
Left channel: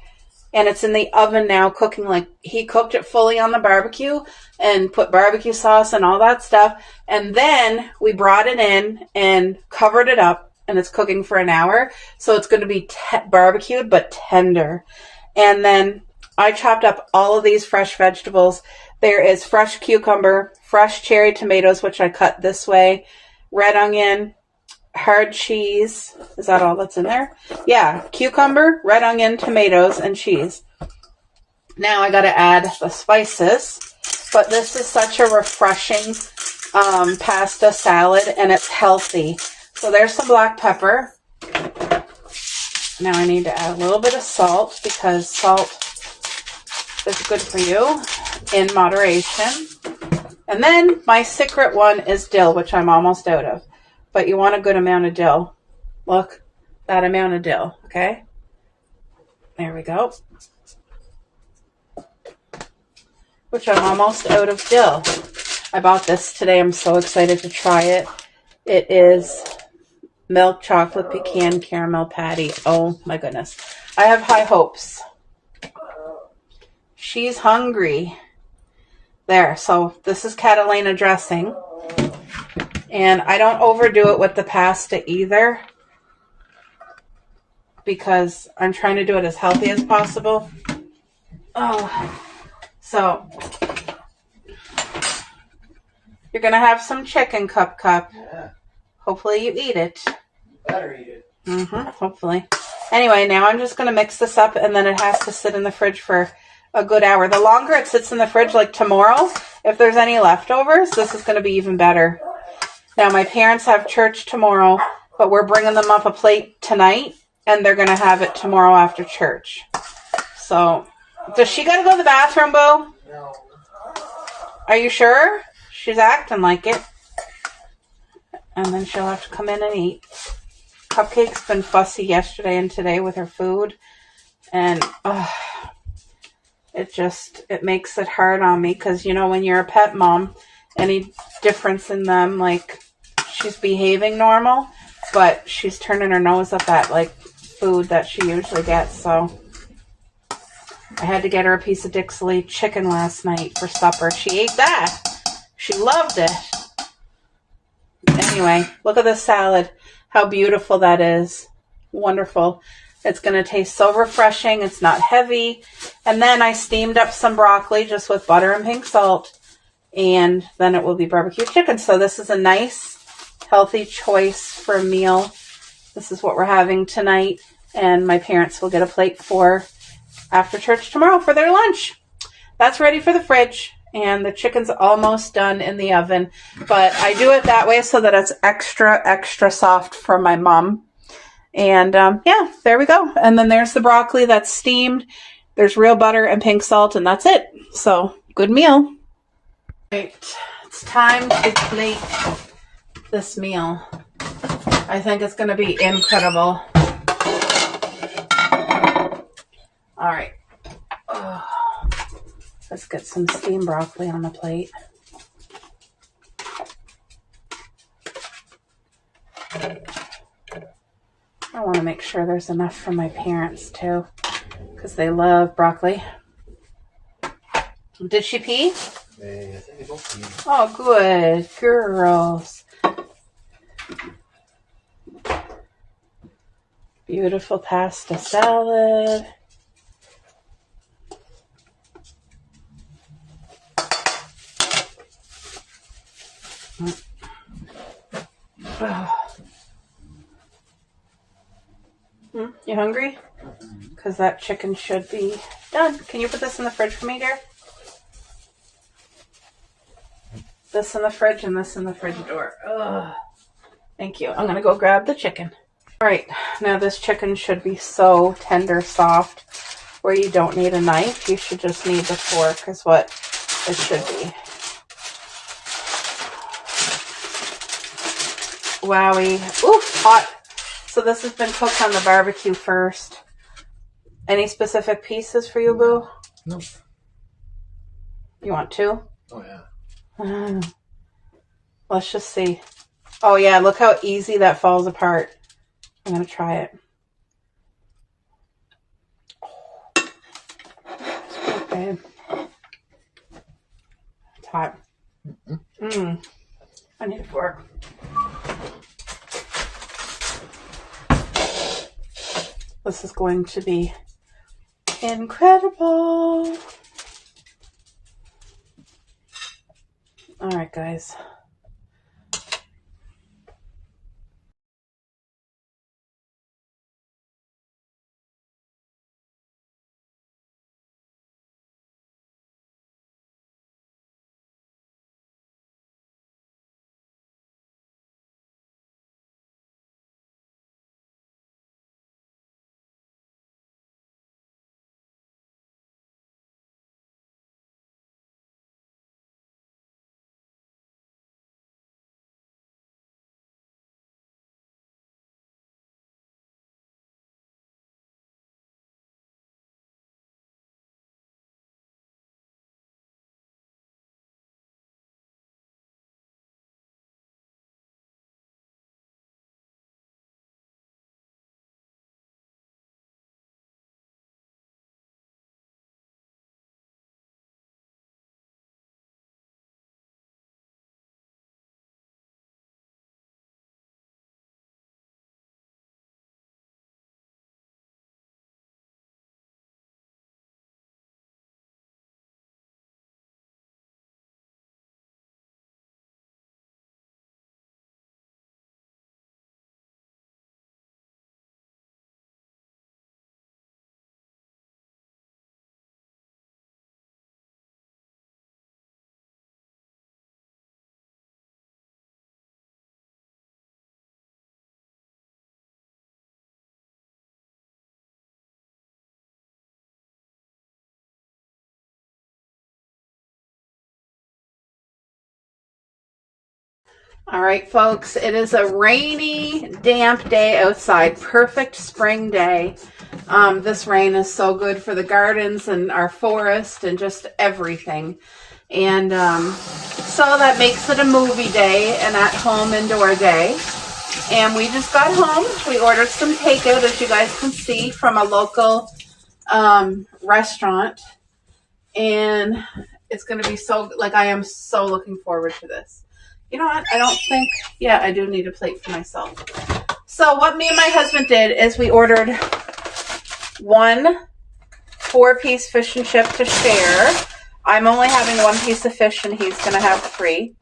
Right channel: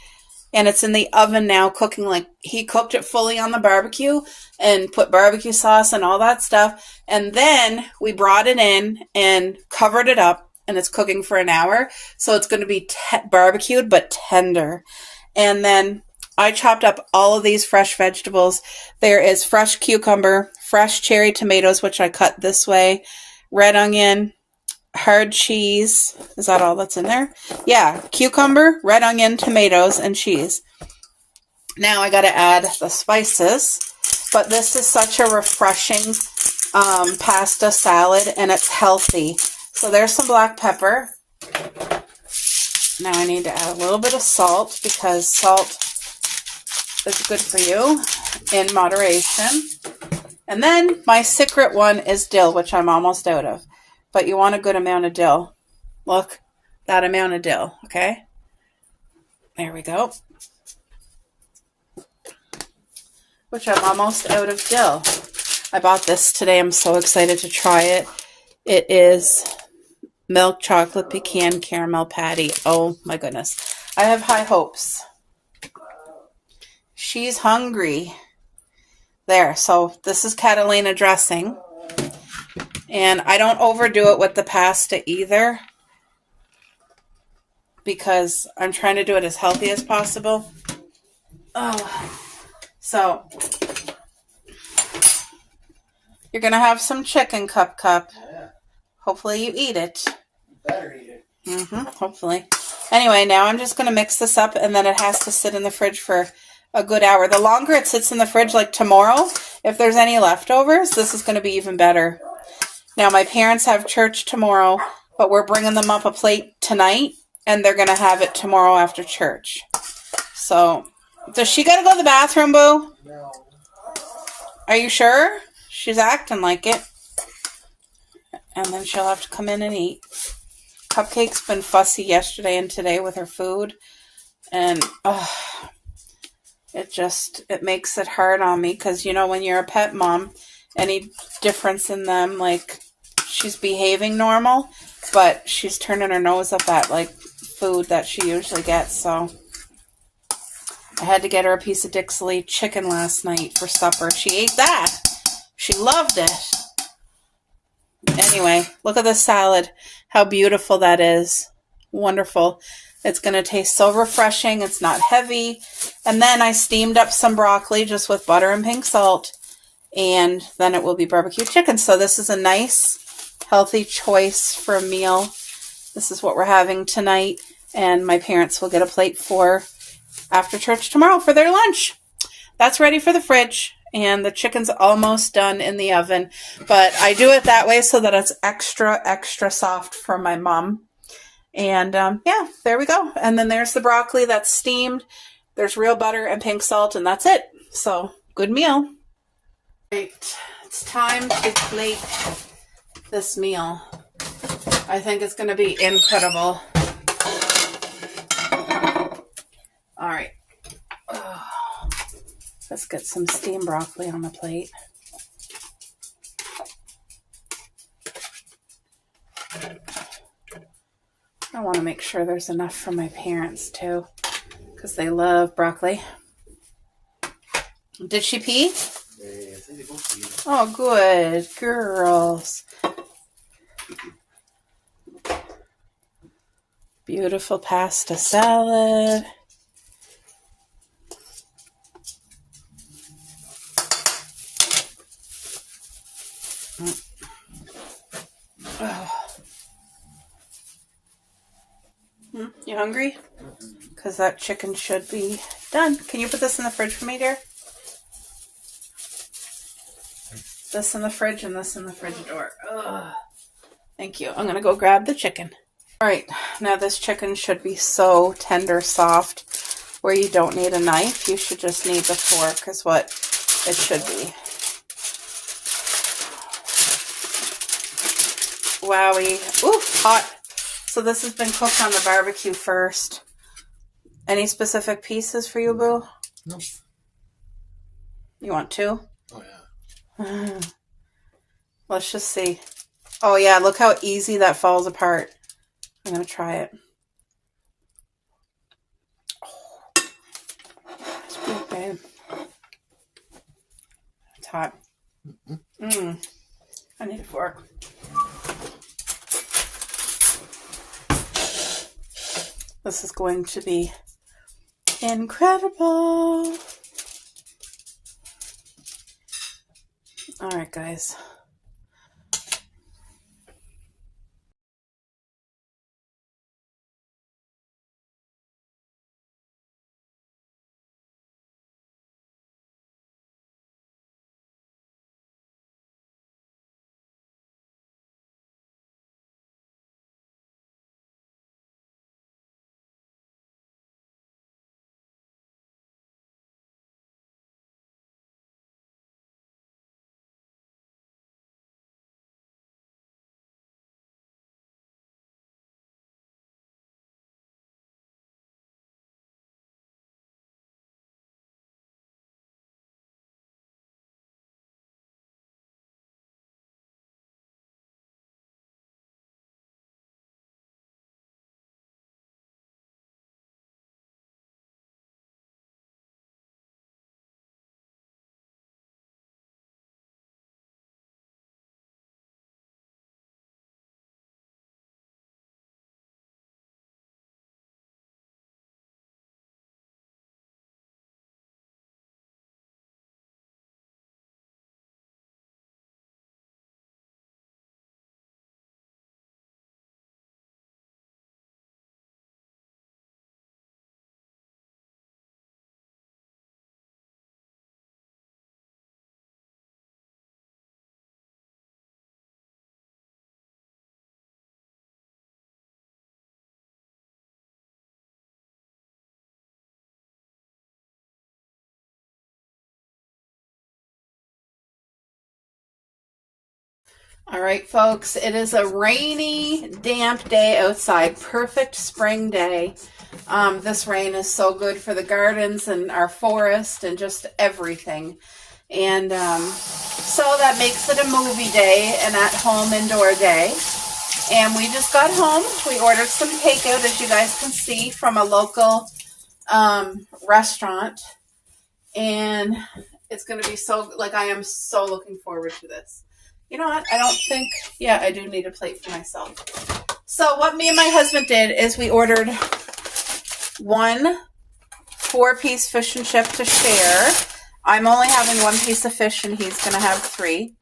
And it's in the oven now cooking. Like, he cooked it fully on the barbecue and put barbecue sauce and all that stuff. And then we brought it in and covered it up, and it's cooking for an hour. So it's going to be barbecued but tender. And then I chopped up all of these fresh vegetables. There is fresh cucumber, fresh cherry tomatoes, which I cut this way, red onion, hard cheese. Is that all that's in there? Yeah, cucumber, red onion, tomatoes, and cheese. Now I got to add the spices, but this is such a refreshing pasta salad, and it's healthy. So there's some black pepper. Now I need to add a little bit of salt, because salt is good for you in moderation. And then my secret one is dill, which I'm almost out of. But you want a good amount of dill. Look, that amount of dill, okay? There we go. Which I'm almost out of dill. I bought this today. I'm so excited to try it. It is milk chocolate pecan caramel patty. Oh my goodness. I have high hopes. She's hungry. There, so this is Catalina dressing. And I don't overdo it with the pasta either, because I'm trying to do it as healthy as possible. Oh, so you're going to have some chicken cup. Yeah. Hopefully you eat it. Better eat it. Hopefully. Anyway, now I'm just going to mix this up, and then it has to sit in the fridge for a good hour. The longer it sits in the fridge, like tomorrow, if there's any leftovers, this is going to be even better. Now, my parents have church tomorrow, but we're bringing them up a plate tonight, and they're going to have it tomorrow after church. So, does she got to go to the bathroom, Bo? No. Are you sure? She's acting like it. and then she'll have to come in and eat. Cupcake's been fussy yesterday and today with her food, and it makes it hard on me because, you know, when you're a pet mom, any difference in them, like, she's behaving normal, but she's turning her nose up at, like, food that she usually gets. So I had to get her a piece of Dixley chicken last night for supper. She ate that. She loved it. Anyway, look at the salad. How beautiful that is. Wonderful. It's going to taste so refreshing. It's not heavy. And then I steamed up some broccoli just with butter and pink salt. And then it will be barbecue chicken. So this is a nice, healthy choice for a meal. This is what we're having tonight. And my parents will get a plate for after church tomorrow for their lunch. That's ready for the fridge. And the chicken's almost done in the oven. But I do it that way so that it's extra, extra soft for my mom. And yeah, there we go. And then there's the broccoli that's steamed. There's real butter and pink salt, and that's it. So, good meal. Right, it's time to plate this meal. I think it's going to be incredible. All right. Let's get some steamed broccoli on the plate. I want to make sure there's enough for my parents too, because they love broccoli. Did she pee? I think they both peed. Oh, good girls. Beautiful pasta salad. Oh. You hungry? Because that chicken should be done. Can you put this in the fridge for me, dear? This in the fridge and this in the fridge door. Ugh. Thank you. I'm going to go grab the chicken. All right. Now this chicken should be so tender, soft, where you don't need a knife. You should just need the fork is what it should be. Wowie. Ooh, hot. So this has been cooked on the barbecue first. Any specific pieces for you, Boo? Nope. You want two? Oh, yeah. Let's just see. Oh, yeah. Look how easy that falls apart. I'm going to try it. Oh, it's not bad. It's hot. I need a fork. This is going to be incredible. All right, guys. All right, folks, it is a rainy, damp day outside. Perfect spring day. This rain is so good for the gardens and our forest and just everything. And so that makes it a movie day, an at-home indoor day. And we just got home. We ordered some takeout, as you guys can see, from a local restaurant. And it's going to be so, like, I am so looking forward to this. You know what? I don't think, yeah, I do need a plate for myself. So what me and my husband did is we ordered 1 4-piece fish and chip to share. I'm only having 1 piece of fish and he's going to have 3.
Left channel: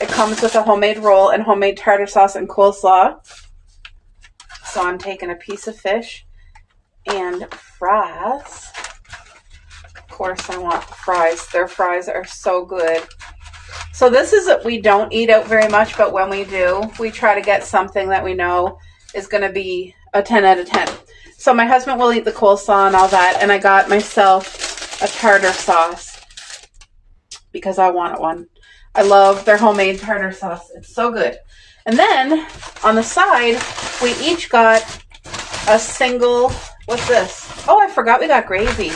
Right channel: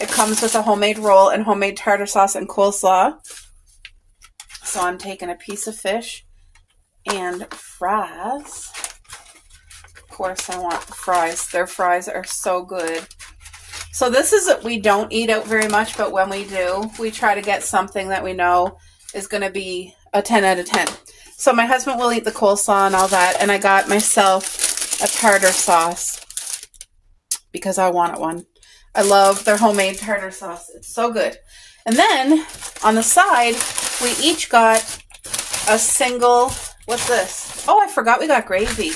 It comes with a homemade roll and homemade tartar sauce and coleslaw. So I'm taking a piece of fish and fries. Of course, I want the fries. Their fries are so good. So this is, we don't eat out very much, but when we do, we try to get something that we know is going to be a 10 out of 10. So my husband will eat the coleslaw and all that, and I got myself a tartar sauce because I wanted one. I love their homemade tartar sauce. It's so good. And then on the side, we each got a single, what's this? Oh, I forgot we got gravy.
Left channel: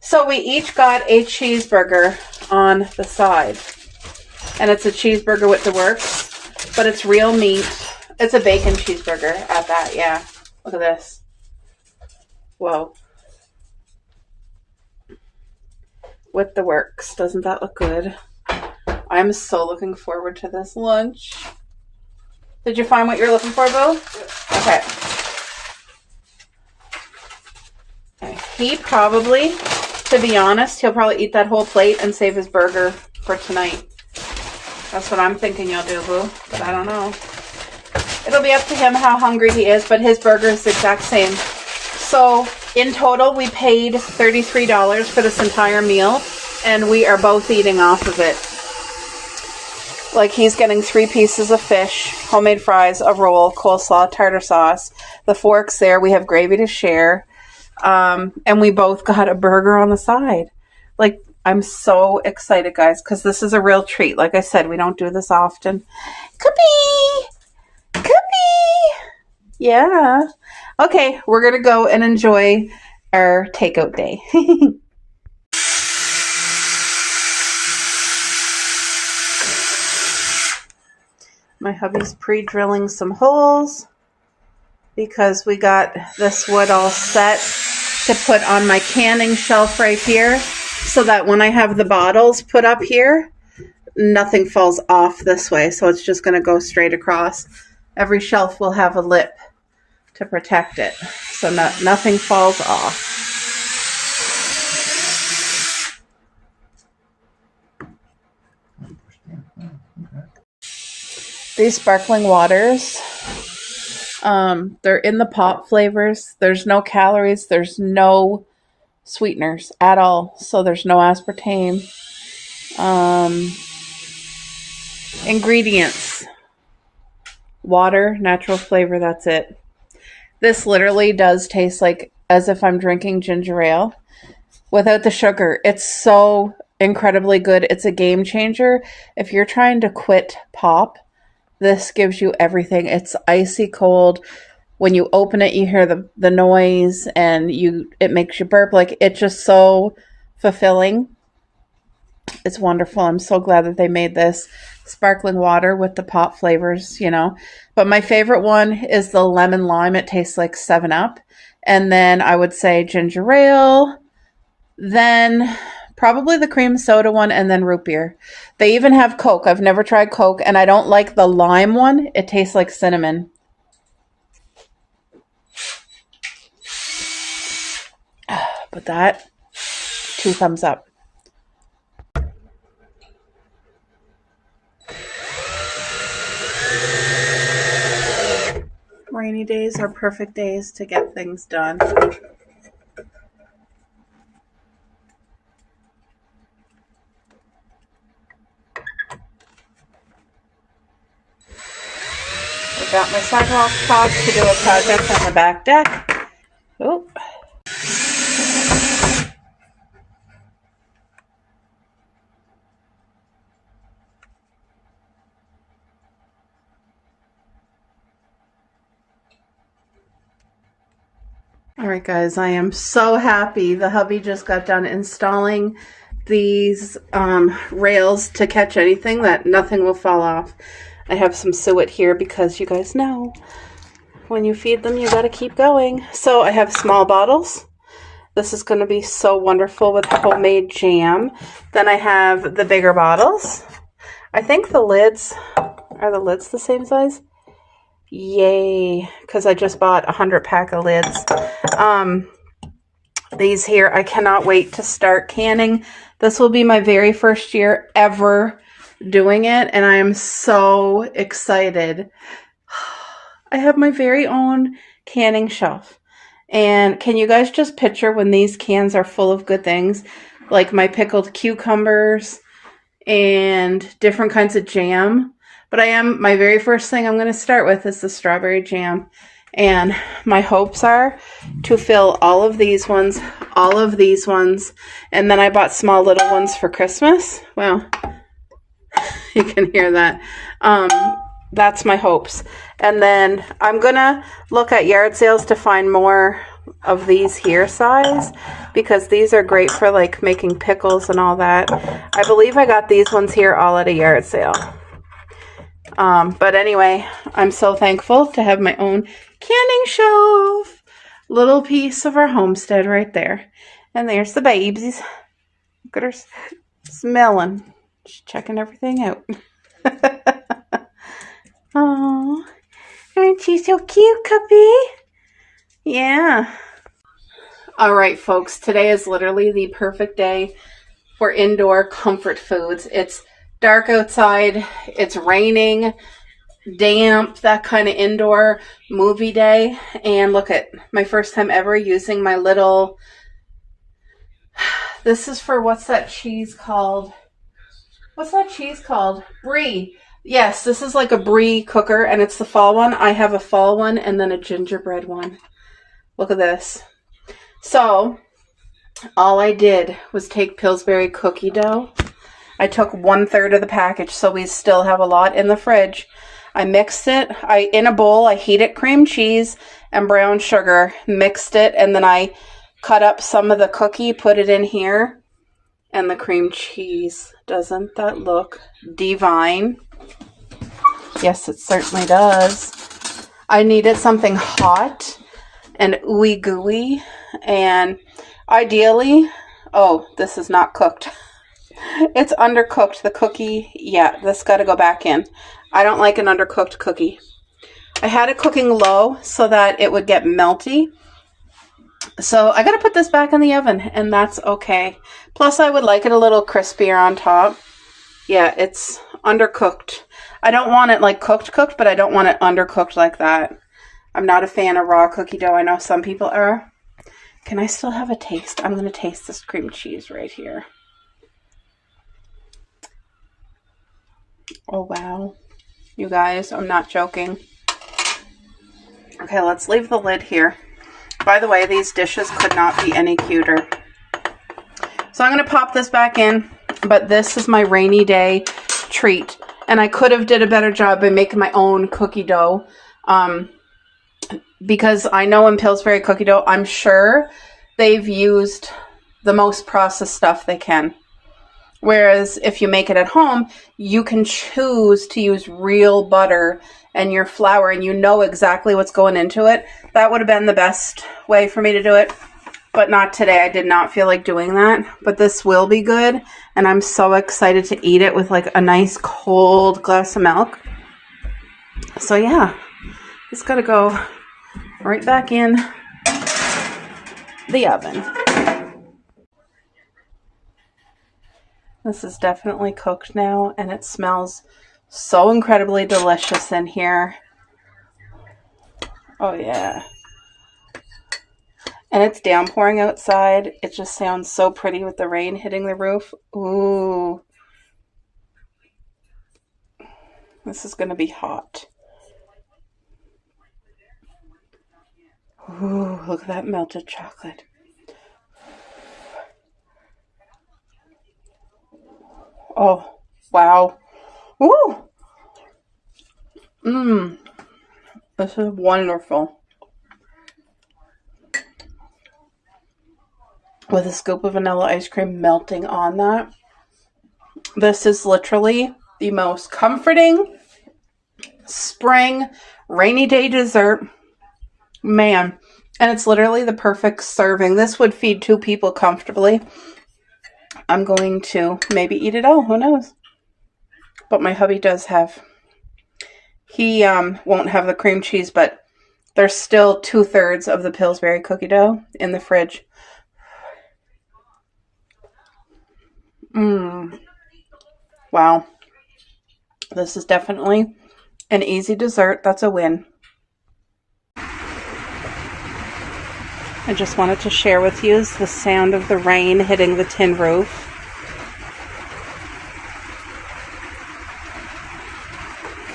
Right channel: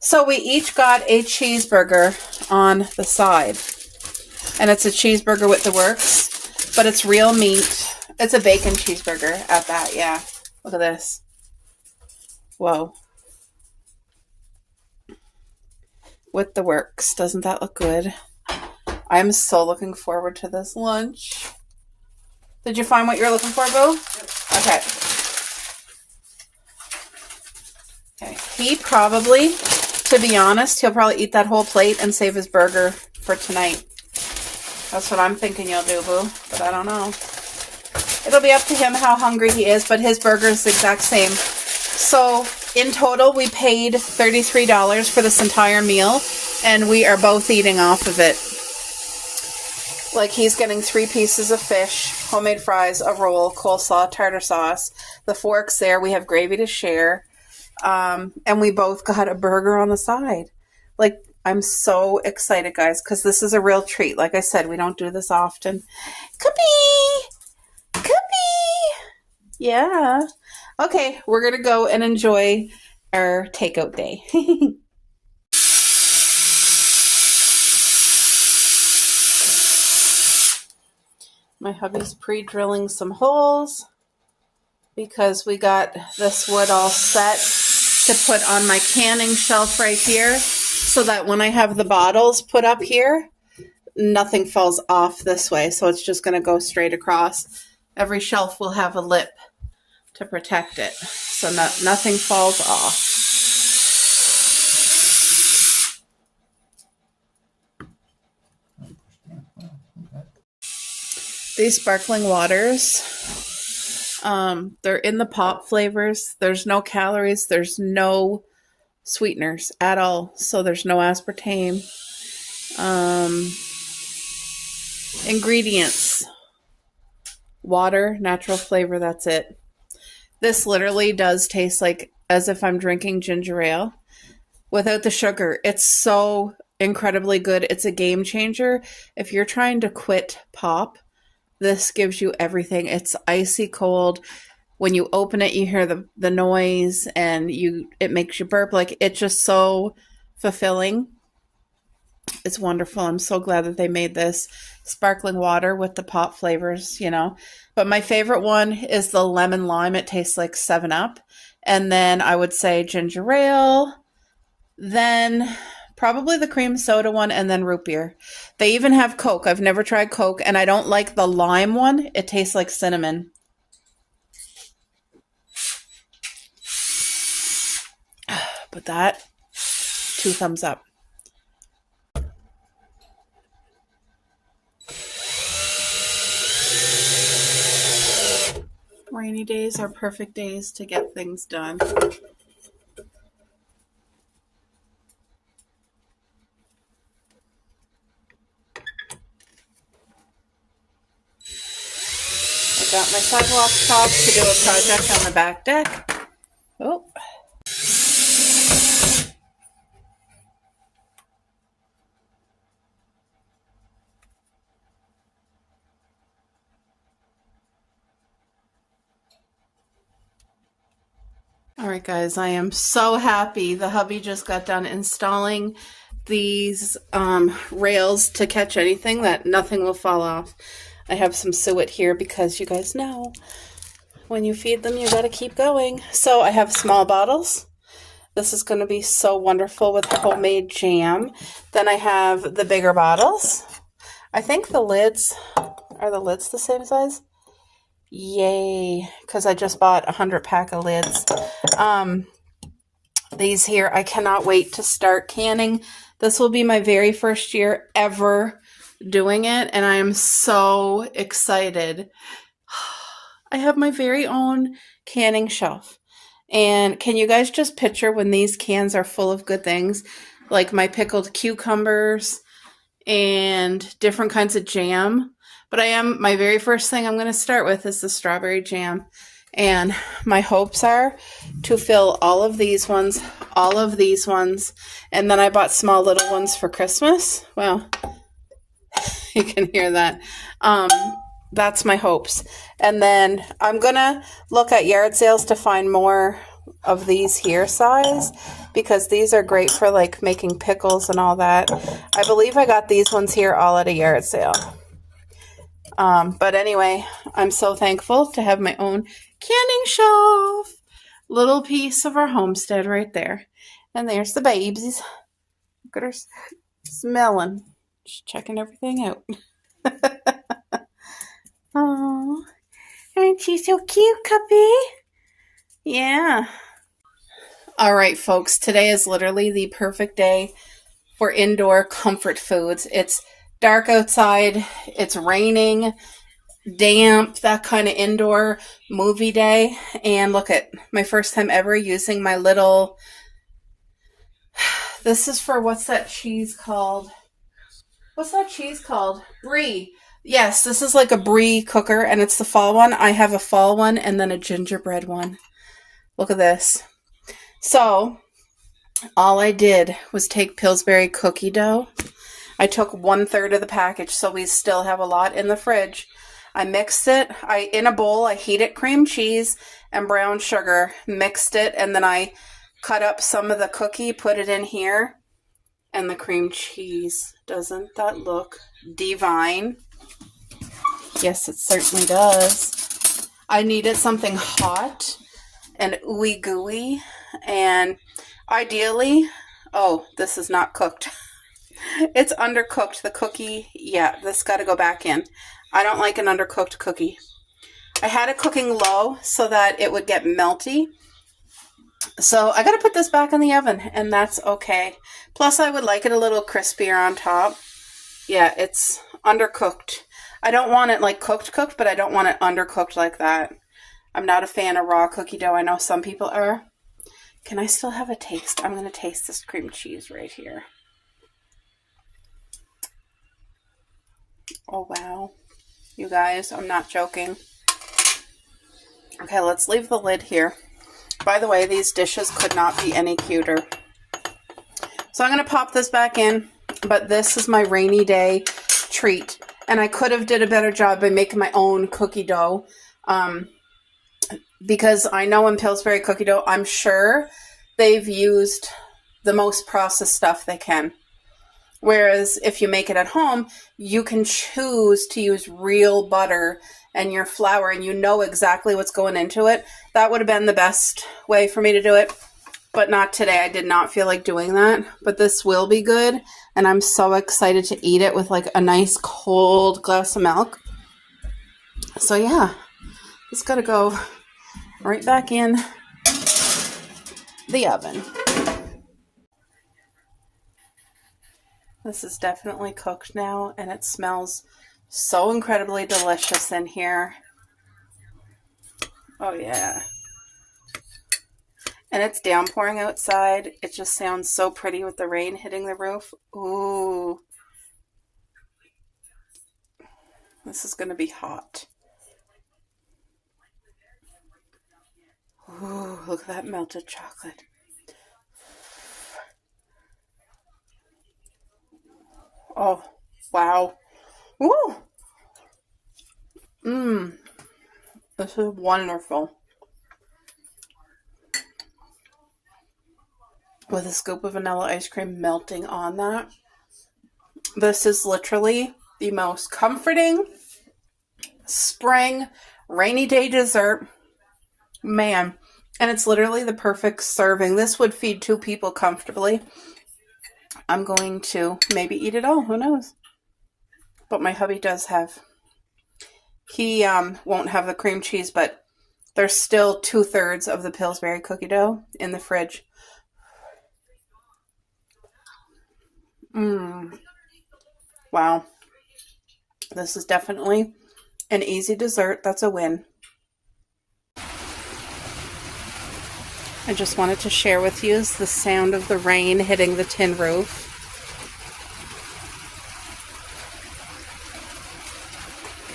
So we each got a cheeseburger on the side. And it's a cheeseburger with the works, but it's real meat. It's a bacon cheeseburger at that, yeah. Look at this. Whoa. With the works. Doesn't that look good? I'm so looking forward to this lunch. Did you find what you're looking for, Boo? Okay. Okay. He probably, to be honest, he'll probably eat that whole plate and save his burger for tonight. That's what I'm thinking you'll do, Boo, but I don't know. It'll be up to him how hungry he is, but his burger is the exact same. So in total, we paid $33 for this entire meal, and we are both eating off of it. Like, he's getting 3 pieces of fish, homemade fries, a roll, coleslaw, tartar sauce. The fork's there. We have gravy to share. And we both got a burger on the side. Like, I'm so excited, guys, because this is a real treat. Like I said, we don't do this often. Cookie! Cookie! Yeah. Okay, we're going to go and enjoy our takeout day. My hubby's pre-drilling some holes because we got this wood all set to put on my canning shelf right here, so that when I have the bottles put up here, nothing falls off this way. So it's just going to go straight across. Every shelf will have a lip to protect it, so nothing falls off. These sparkling waters, they're in the pop flavors. There's no calories. There's no sweeteners at all. So there's no aspartame. Ingredients: water, natural flavor, that's it. This literally does taste like as if I'm drinking ginger ale without the sugar. It's so incredibly good. It's a game changer. If you're trying to quit pop, this gives you everything. It's icy cold. When you open it, you hear the noise, and it makes you burp. Like, it's just so fulfilling. It's wonderful. I'm so glad that they made this sparkling water with the pop flavors, you know. But my favorite one is the lemon lime. It tastes like 7-Up. And then I would say ginger ale, then probably the cream soda one, and then root beer. They even have Coke. I've never tried Coke, and I don't like the lime one. It tastes like cinnamon. But that, 2 thumbs up. Rainy days are perfect days to get things done. Got my sidewalk chalk to do a project on the back deck. Oh. right, guys, I am so happy. The hubby just got done installing these rails to catch anything, that nothing will fall off. I have some suet here because you guys know when you feed them, you gotta keep going. So I have small bottles. This is gonna be so wonderful with homemade jam. Then I have the bigger bottles. I think the lids, are the lids the same size? Yay, because I just bought a 100-pack of lids. These here, I cannot wait to start canning. This will be my very first year ever doing it, and I am so excited. I have my very own canning shelf. And can you guys just picture when these cans are full of good things, like my pickled cucumbers and different kinds of jam? But my very first thing I'm going to start with is the strawberry jam. And my hopes are to fill all of these ones, and then I bought small little ones for Christmas. Well, you can hear that. That's my hopes. And then I'm going to look at yard sales to find more of these here size, because these are great for like making pickles and all that. I believe I got these ones here all at a yard sale. But anyway, I'm so thankful to have my own canning shelf. Little piece of our homestead right there. And there's the babies. Look at her smelling. She's checking everything out. Oh, aren't you so cute, Cuppy? Yeah. All right, folks. Today is literally the perfect day for indoor comfort foods. It's dark outside. It's raining, damp, that kind of indoor movie day. And look at my first time ever using my little, this is for, what's that cheese called? Brie. Yes, this is like a Brie cooker, and it's the fall one. I have a fall one and then a gingerbread one. Look at this. So all I did was take Pillsbury cookie dough. I took 1/3 of the package, so we still have a lot in the fridge. I mixed it. In a bowl, I heated cream cheese and brown sugar, mixed it, and then I cut up some of the cookie, put it in here, and the cream cheese. Doesn't that look divine? Yes, it certainly does. I needed something hot and ooey gooey, and ideally, oh, this is not cooked. It's undercooked, the cookie. Yeah, this got to go back in. I don't like an undercooked cookie. I had it cooking low so that it would get melty. So I got to put this back in the oven, and that's okay. Plus, I would like it a little crispier on top. Yeah, it's undercooked. I don't want it like cooked, but I don't want it undercooked like that. I'm not a fan of raw cookie dough. I know some people are. Can I still have a taste? I'm going to taste this cream cheese right here. Oh, wow. You guys, I'm not joking. Okay, let's leave the lid here. By the way, these dishes could not be any cuter. So I'm going to pop this back in, but this is my rainy day treat. And I could have did a better job by making my own cookie dough. Because I know in Pillsbury cookie dough, I'm sure they've used the most processed stuff they can. Whereas if you make it at home, you can choose to use real butter and your flour, and you know exactly what's going into it. That would have been the best way for me to do it, but not today. I did not feel like doing that, but this will be good, and I'm so excited to eat it with like a nice cold glass of milk. So yeah, it's got to go right back in the oven. This is definitely cooked now, and it smells so incredibly delicious in here. Oh yeah. And it's downpouring outside. It just sounds so pretty with the rain hitting the roof. Ooh. This is going to be hot. Ooh, look at that melted chocolate. Oh, wow. Woo! This is wonderful. with a scoop of vanilla ice cream melting on that. This is literally the most comforting spring rainy day dessert. Man, and it's literally the perfect serving. This would feed 2 people comfortably. I'm going to maybe eat it all, who knows? But my hubby does have, he won't have the cream cheese, but there's still 2/3 of the Pillsbury cookie dough in the fridge. Wow. This is definitely an easy dessert. That's a win. I just wanted to share with you the sound of the rain hitting the tin roof.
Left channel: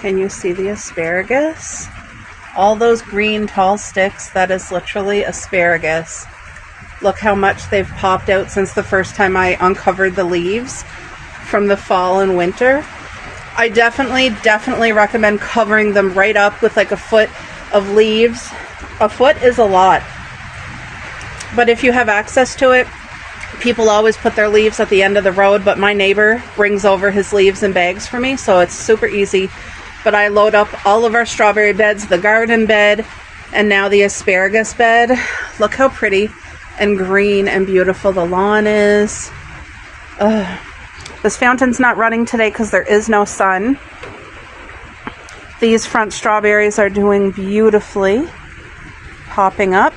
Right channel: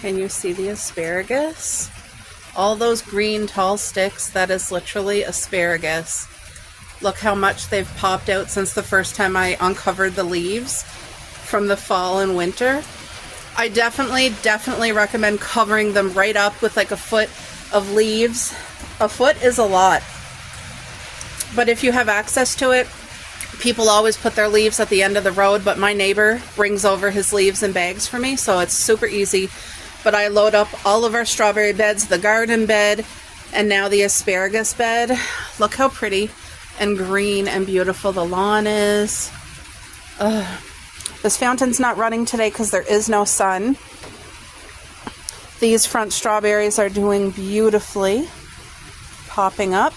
Can you see the asparagus? All those green tall sticks, that is literally asparagus. Look how much they've popped out since the first time I uncovered the leaves from the fall and winter. I definitely recommend covering them right up with like a foot of leaves. A foot is a lot. But if you have access to it, people always put their leaves at the end of the road, but my neighbor brings over his leaves in bags for me, so it's super easy. But I load up all of our strawberry beds, the garden bed, and now the asparagus bed. Look how pretty and green and beautiful the lawn is. This fountain's not running today because there is no sun. These front strawberries are doing beautifully, popping up.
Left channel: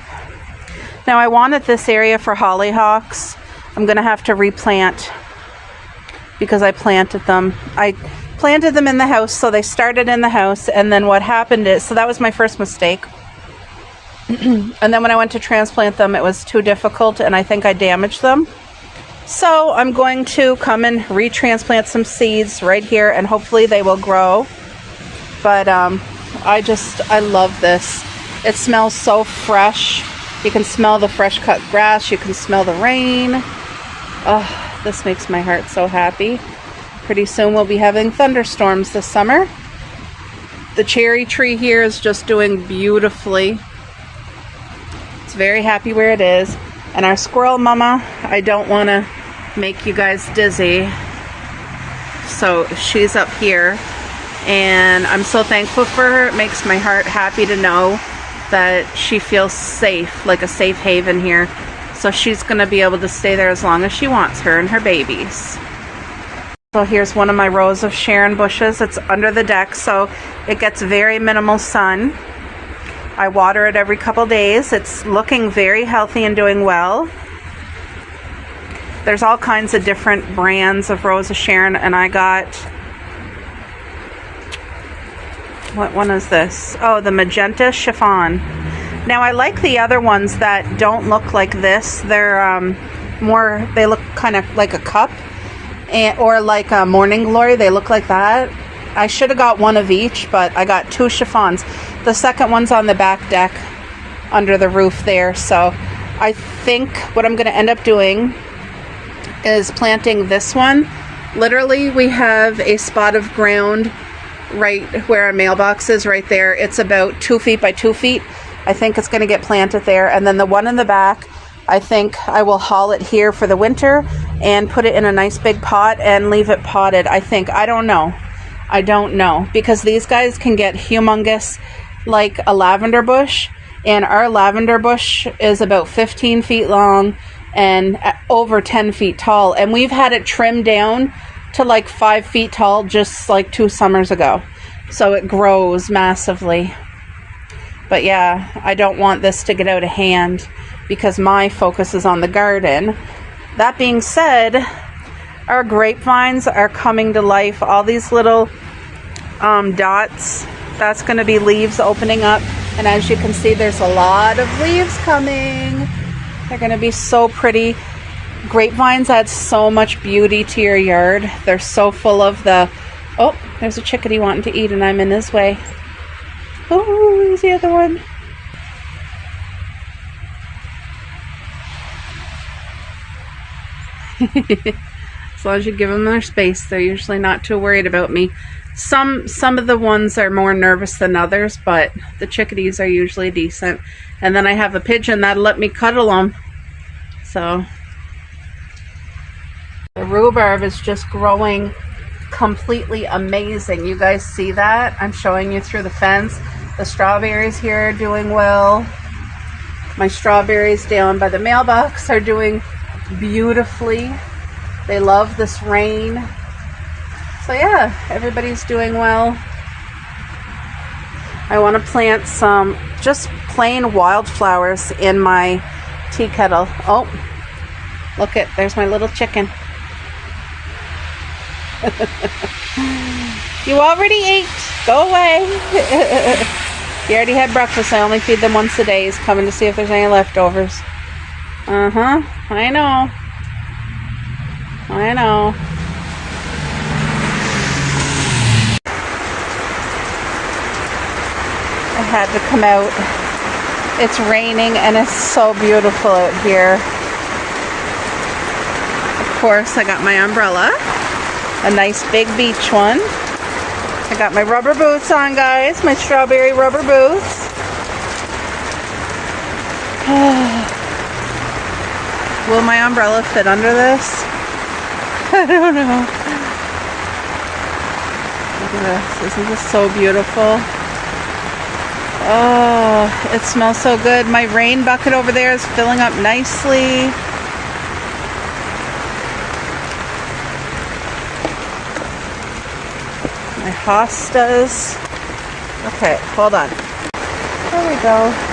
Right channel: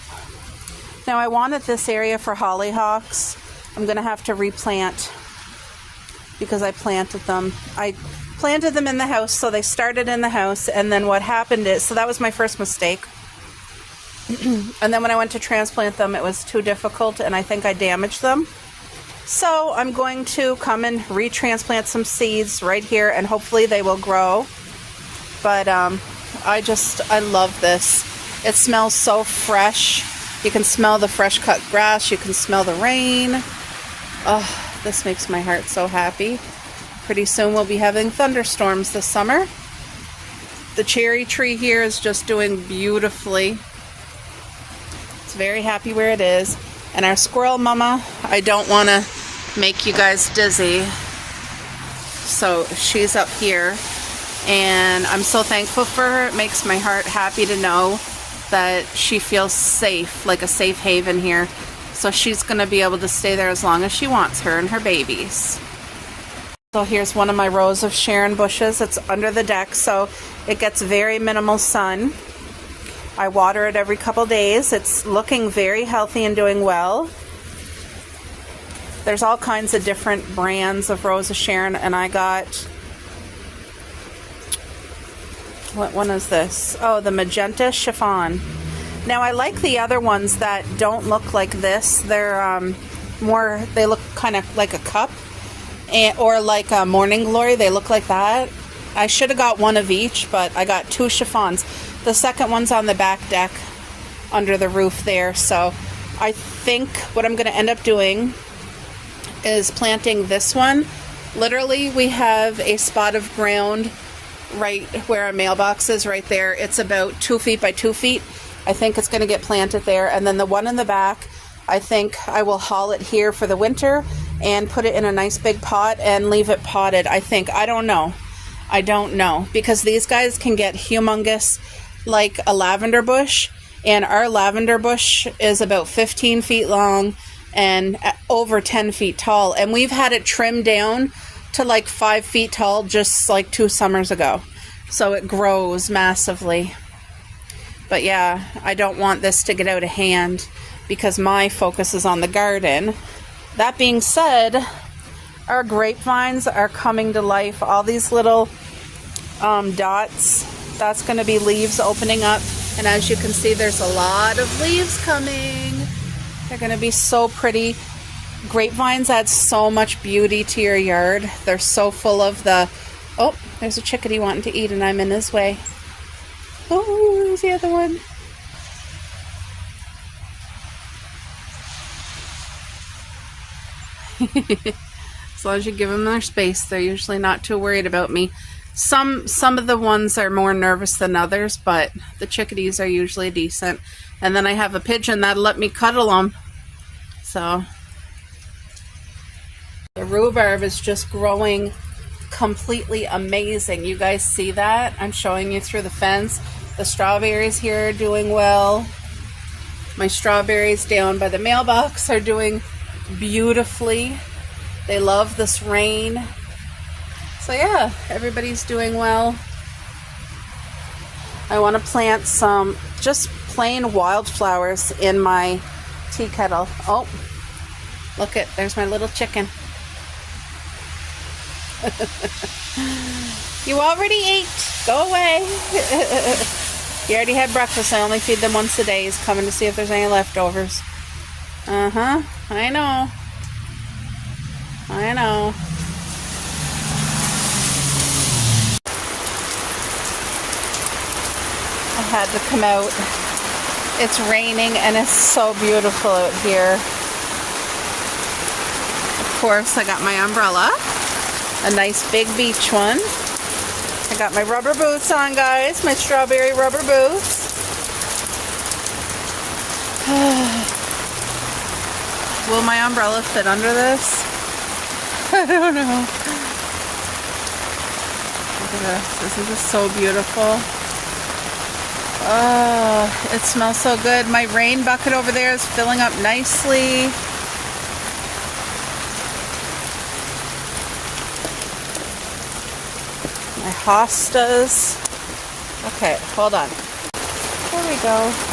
Now I wanted this area for hollyhocks. I'm going to have to replant because I planted them. I planted them in the house, so they started in the house, and then what happened is, so that was my first mistake. And then when I went to transplant them, it was too difficult, and I think I damaged them. So I'm going to come and retransplant some seeds right here, and hopefully they will grow. But I love this. It smells so fresh. You can smell the fresh cut grass. You can smell the rain. Oh, this makes my heart so happy. Pretty soon we'll be having thunderstorms this summer. The cherry tree here is just doing beautifully. It's very happy where it is. And our squirrel mama, I don't want to make you guys dizzy, so she's up here. And I'm so thankful for her. It makes my heart happy to know that she feels safe, like a safe haven here. So she's going to be able to stay there as long as she wants, her and her babies. So here's one of my rows of Sharon bushes. It's under the deck, so it gets very minimal sun. I water it every couple days. It's looking very healthy and doing well. There's all kinds of different brands of Rose of Sharon, and I got, what one is this? Oh, the Magenta Chiffon. Now I like the other ones that don't look like this. They're more, they look kind of like a cup, or like a Morning Glory. They look like that. I should have got one of each, but I got 2 chiffons. The second one's on the back deck under the roof there. So I think what I'm going to end up doing is planting this one. Literally, we have a spot of ground right where our mailbox is, right there. It's about 2 feet by 2 feet. I think it's going to get planted there. And then the one in the back, I think I will haul it here for the winter and put it in a nice big pot and leave it potted. I don't know, because these guys can get humongous, like a lavender bush, and our lavender bush is about 15 feet long and over 10 feet tall, and we've had it trimmed down to like 5 feet tall just like 2 summers ago. So it grows massively. But yeah, I don't want this to get out of hand because my focus is on the garden. That being said, our grapevines are coming to life. All these little dots, that's going to be leaves opening up. And as you can see, there's a lot of leaves coming. They're going to be so pretty. Grapevines add so much beauty to your yard. They're so full of the... Oh, there's a chickadee wanting to eat and I'm in his way. Oh, there's the other one. As long as you give them their space, they're usually not too worried about me. Some of the ones are more nervous than others, but the chickadees are usually decent. And then I have a pigeon that'll let me cuddle them. So The rhubarb is just growing completely amazing. You guys see that? I'm showing you through the fence. The strawberries here are doing well. My strawberries down by the mailbox are doing beautifully. They love this rain. So yeah, everybody's doing well. I want to plant some just plain wildflowers in my tea kettle. Oh, look it, there's my little chicken. You already ate. Go away. You already had breakfast. I only feed them once a day. He's coming to see if there's any leftovers. Uh-huh. I know. I know. I had to come out. It's raining and it's so beautiful out here. Of course, I got my umbrella. A nice big beach one. I got my rubber boots on, guys. My strawberry rubber boots. Will my umbrella fit under this? I don't know. Look at this. Isn't this so beautiful? Oh, it smells so good. My rain bucket over there is filling up nicely. My hostas. Okay, hold on. There we go.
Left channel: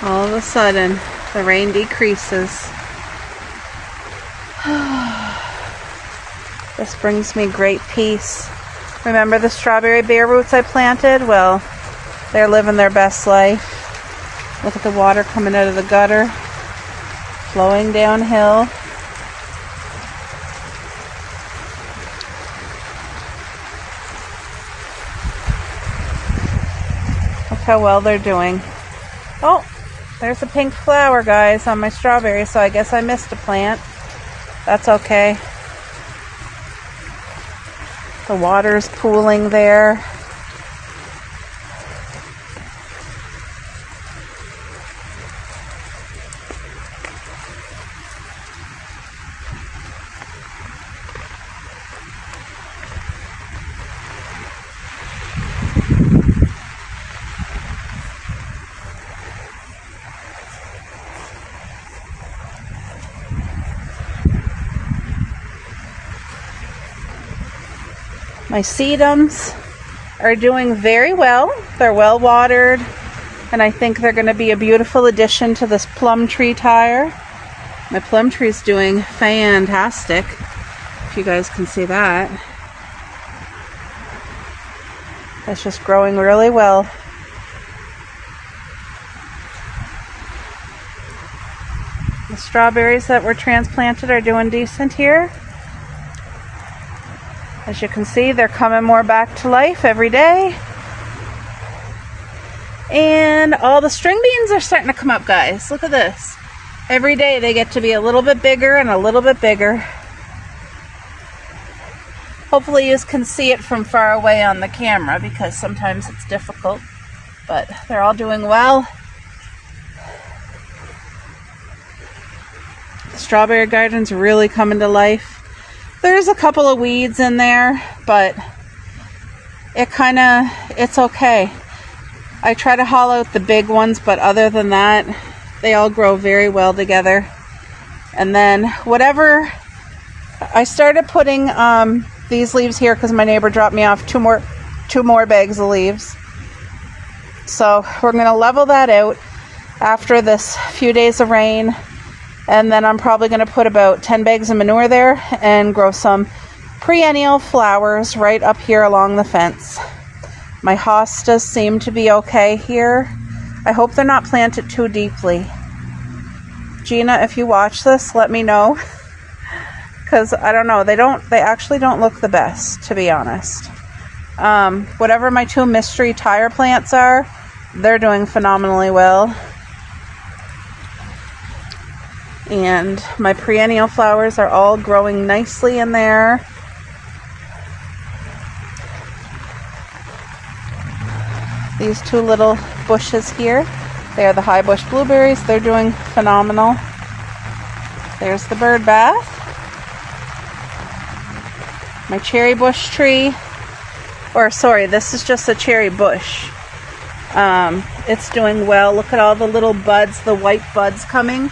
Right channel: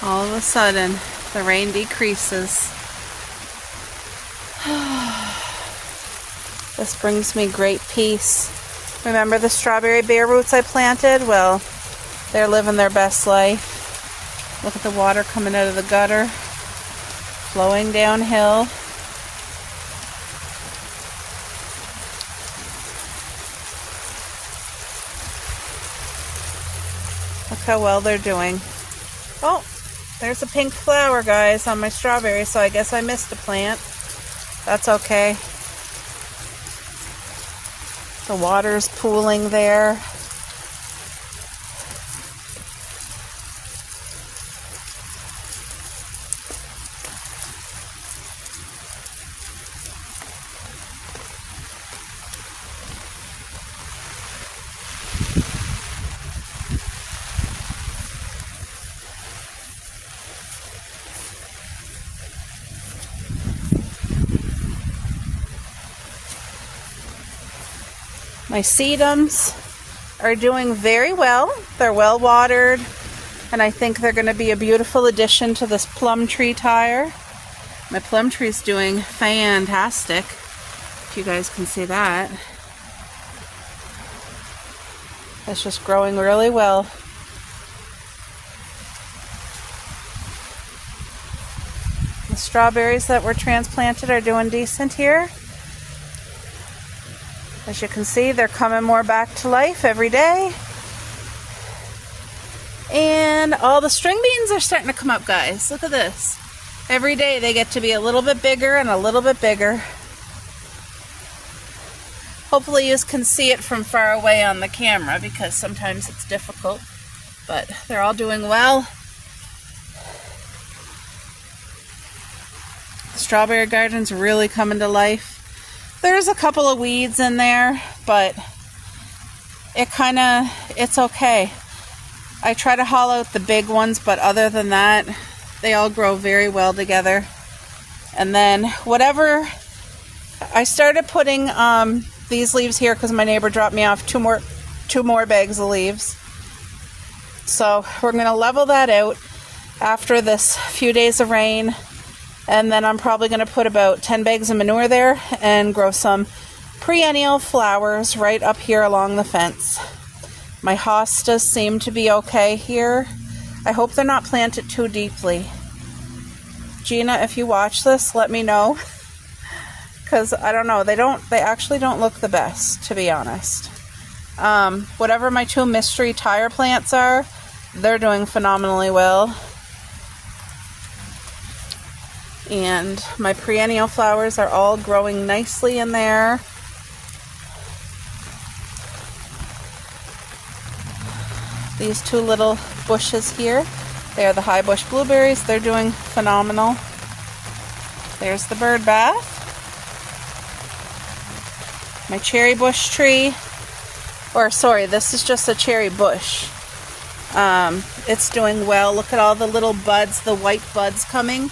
All of a sudden, the rain decreases. This brings me great peace. Remember the strawberry bare roots I planted? Well, they're living their best life. Look at the water coming out of the gutter, flowing downhill. Look how well they're doing. Oh! There's a pink flower, guys, on my strawberry, so I guess I missed the plant. That's okay. The water's pooling there. My sedums are doing very well. They're well watered, and I think they're going to be a beautiful addition to this plum tree tire. My plum tree is doing fantastic, if you guys can see that. It's just growing really well. The strawberries that were transplanted are doing decent here. As you can see, they're coming more back to life every day. And all the string beans are starting to come up, guys. Look at this. Every day they get to be a little bit bigger and a little bit bigger. Hopefully you can see it from far away on the camera because sometimes it's difficult. But they're all doing well. The strawberry garden's really coming to life. There's a couple of weeds in there, but it's okay. I try to haul out the big ones, but other than that, they all grow very well together. And then whatever, I started putting these leaves here because my neighbor dropped me off two more bags of leaves. So we're going to level that out after this few days of rain. And then I'm probably going to put about 10 bags of manure there and grow some perennial flowers right up here along the fence. My hostas seem to be okay here. I hope they're not planted too deeply. Gina, if you watch this, let me know. Because I don't know, they actually don't look the best, to be honest. Whatever my two mystery tire plants are, they're doing phenomenally well. And my perennial flowers are all growing nicely in there. These two little bushes here, they are the high bush blueberries. They're doing phenomenal. There's the bird bath. My cherry bush tree, or sorry, this is just a cherry bush. It's doing well. Look at all the little buds, the white buds coming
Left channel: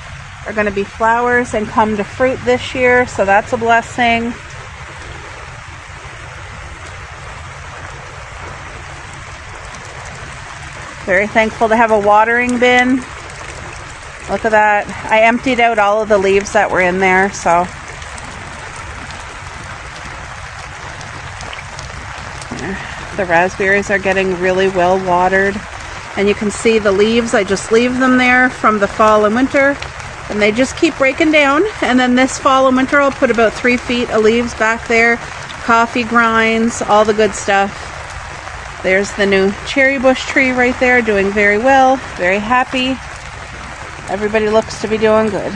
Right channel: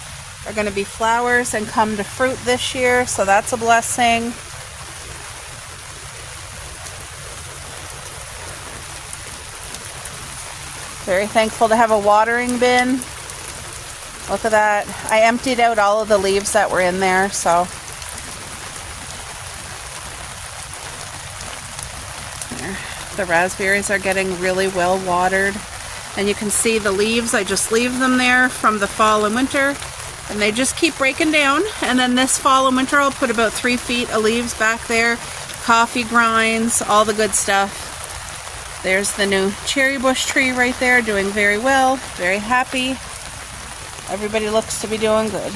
are going to be flowers and come to fruit this year, so that's a blessing. Very thankful to have a watering bin. Look at that. I emptied out all of the leaves that were in there, so. The raspberries are getting really well watered. And you can see the leaves, I just leave them there from the fall and winter. And they just keep breaking down. And then this fall and winter, I'll put about 3 feet of leaves back there. Coffee grinds, all the good stuff. There's the new cherry bush tree right there, doing very well. Very happy. Everybody looks to be doing good.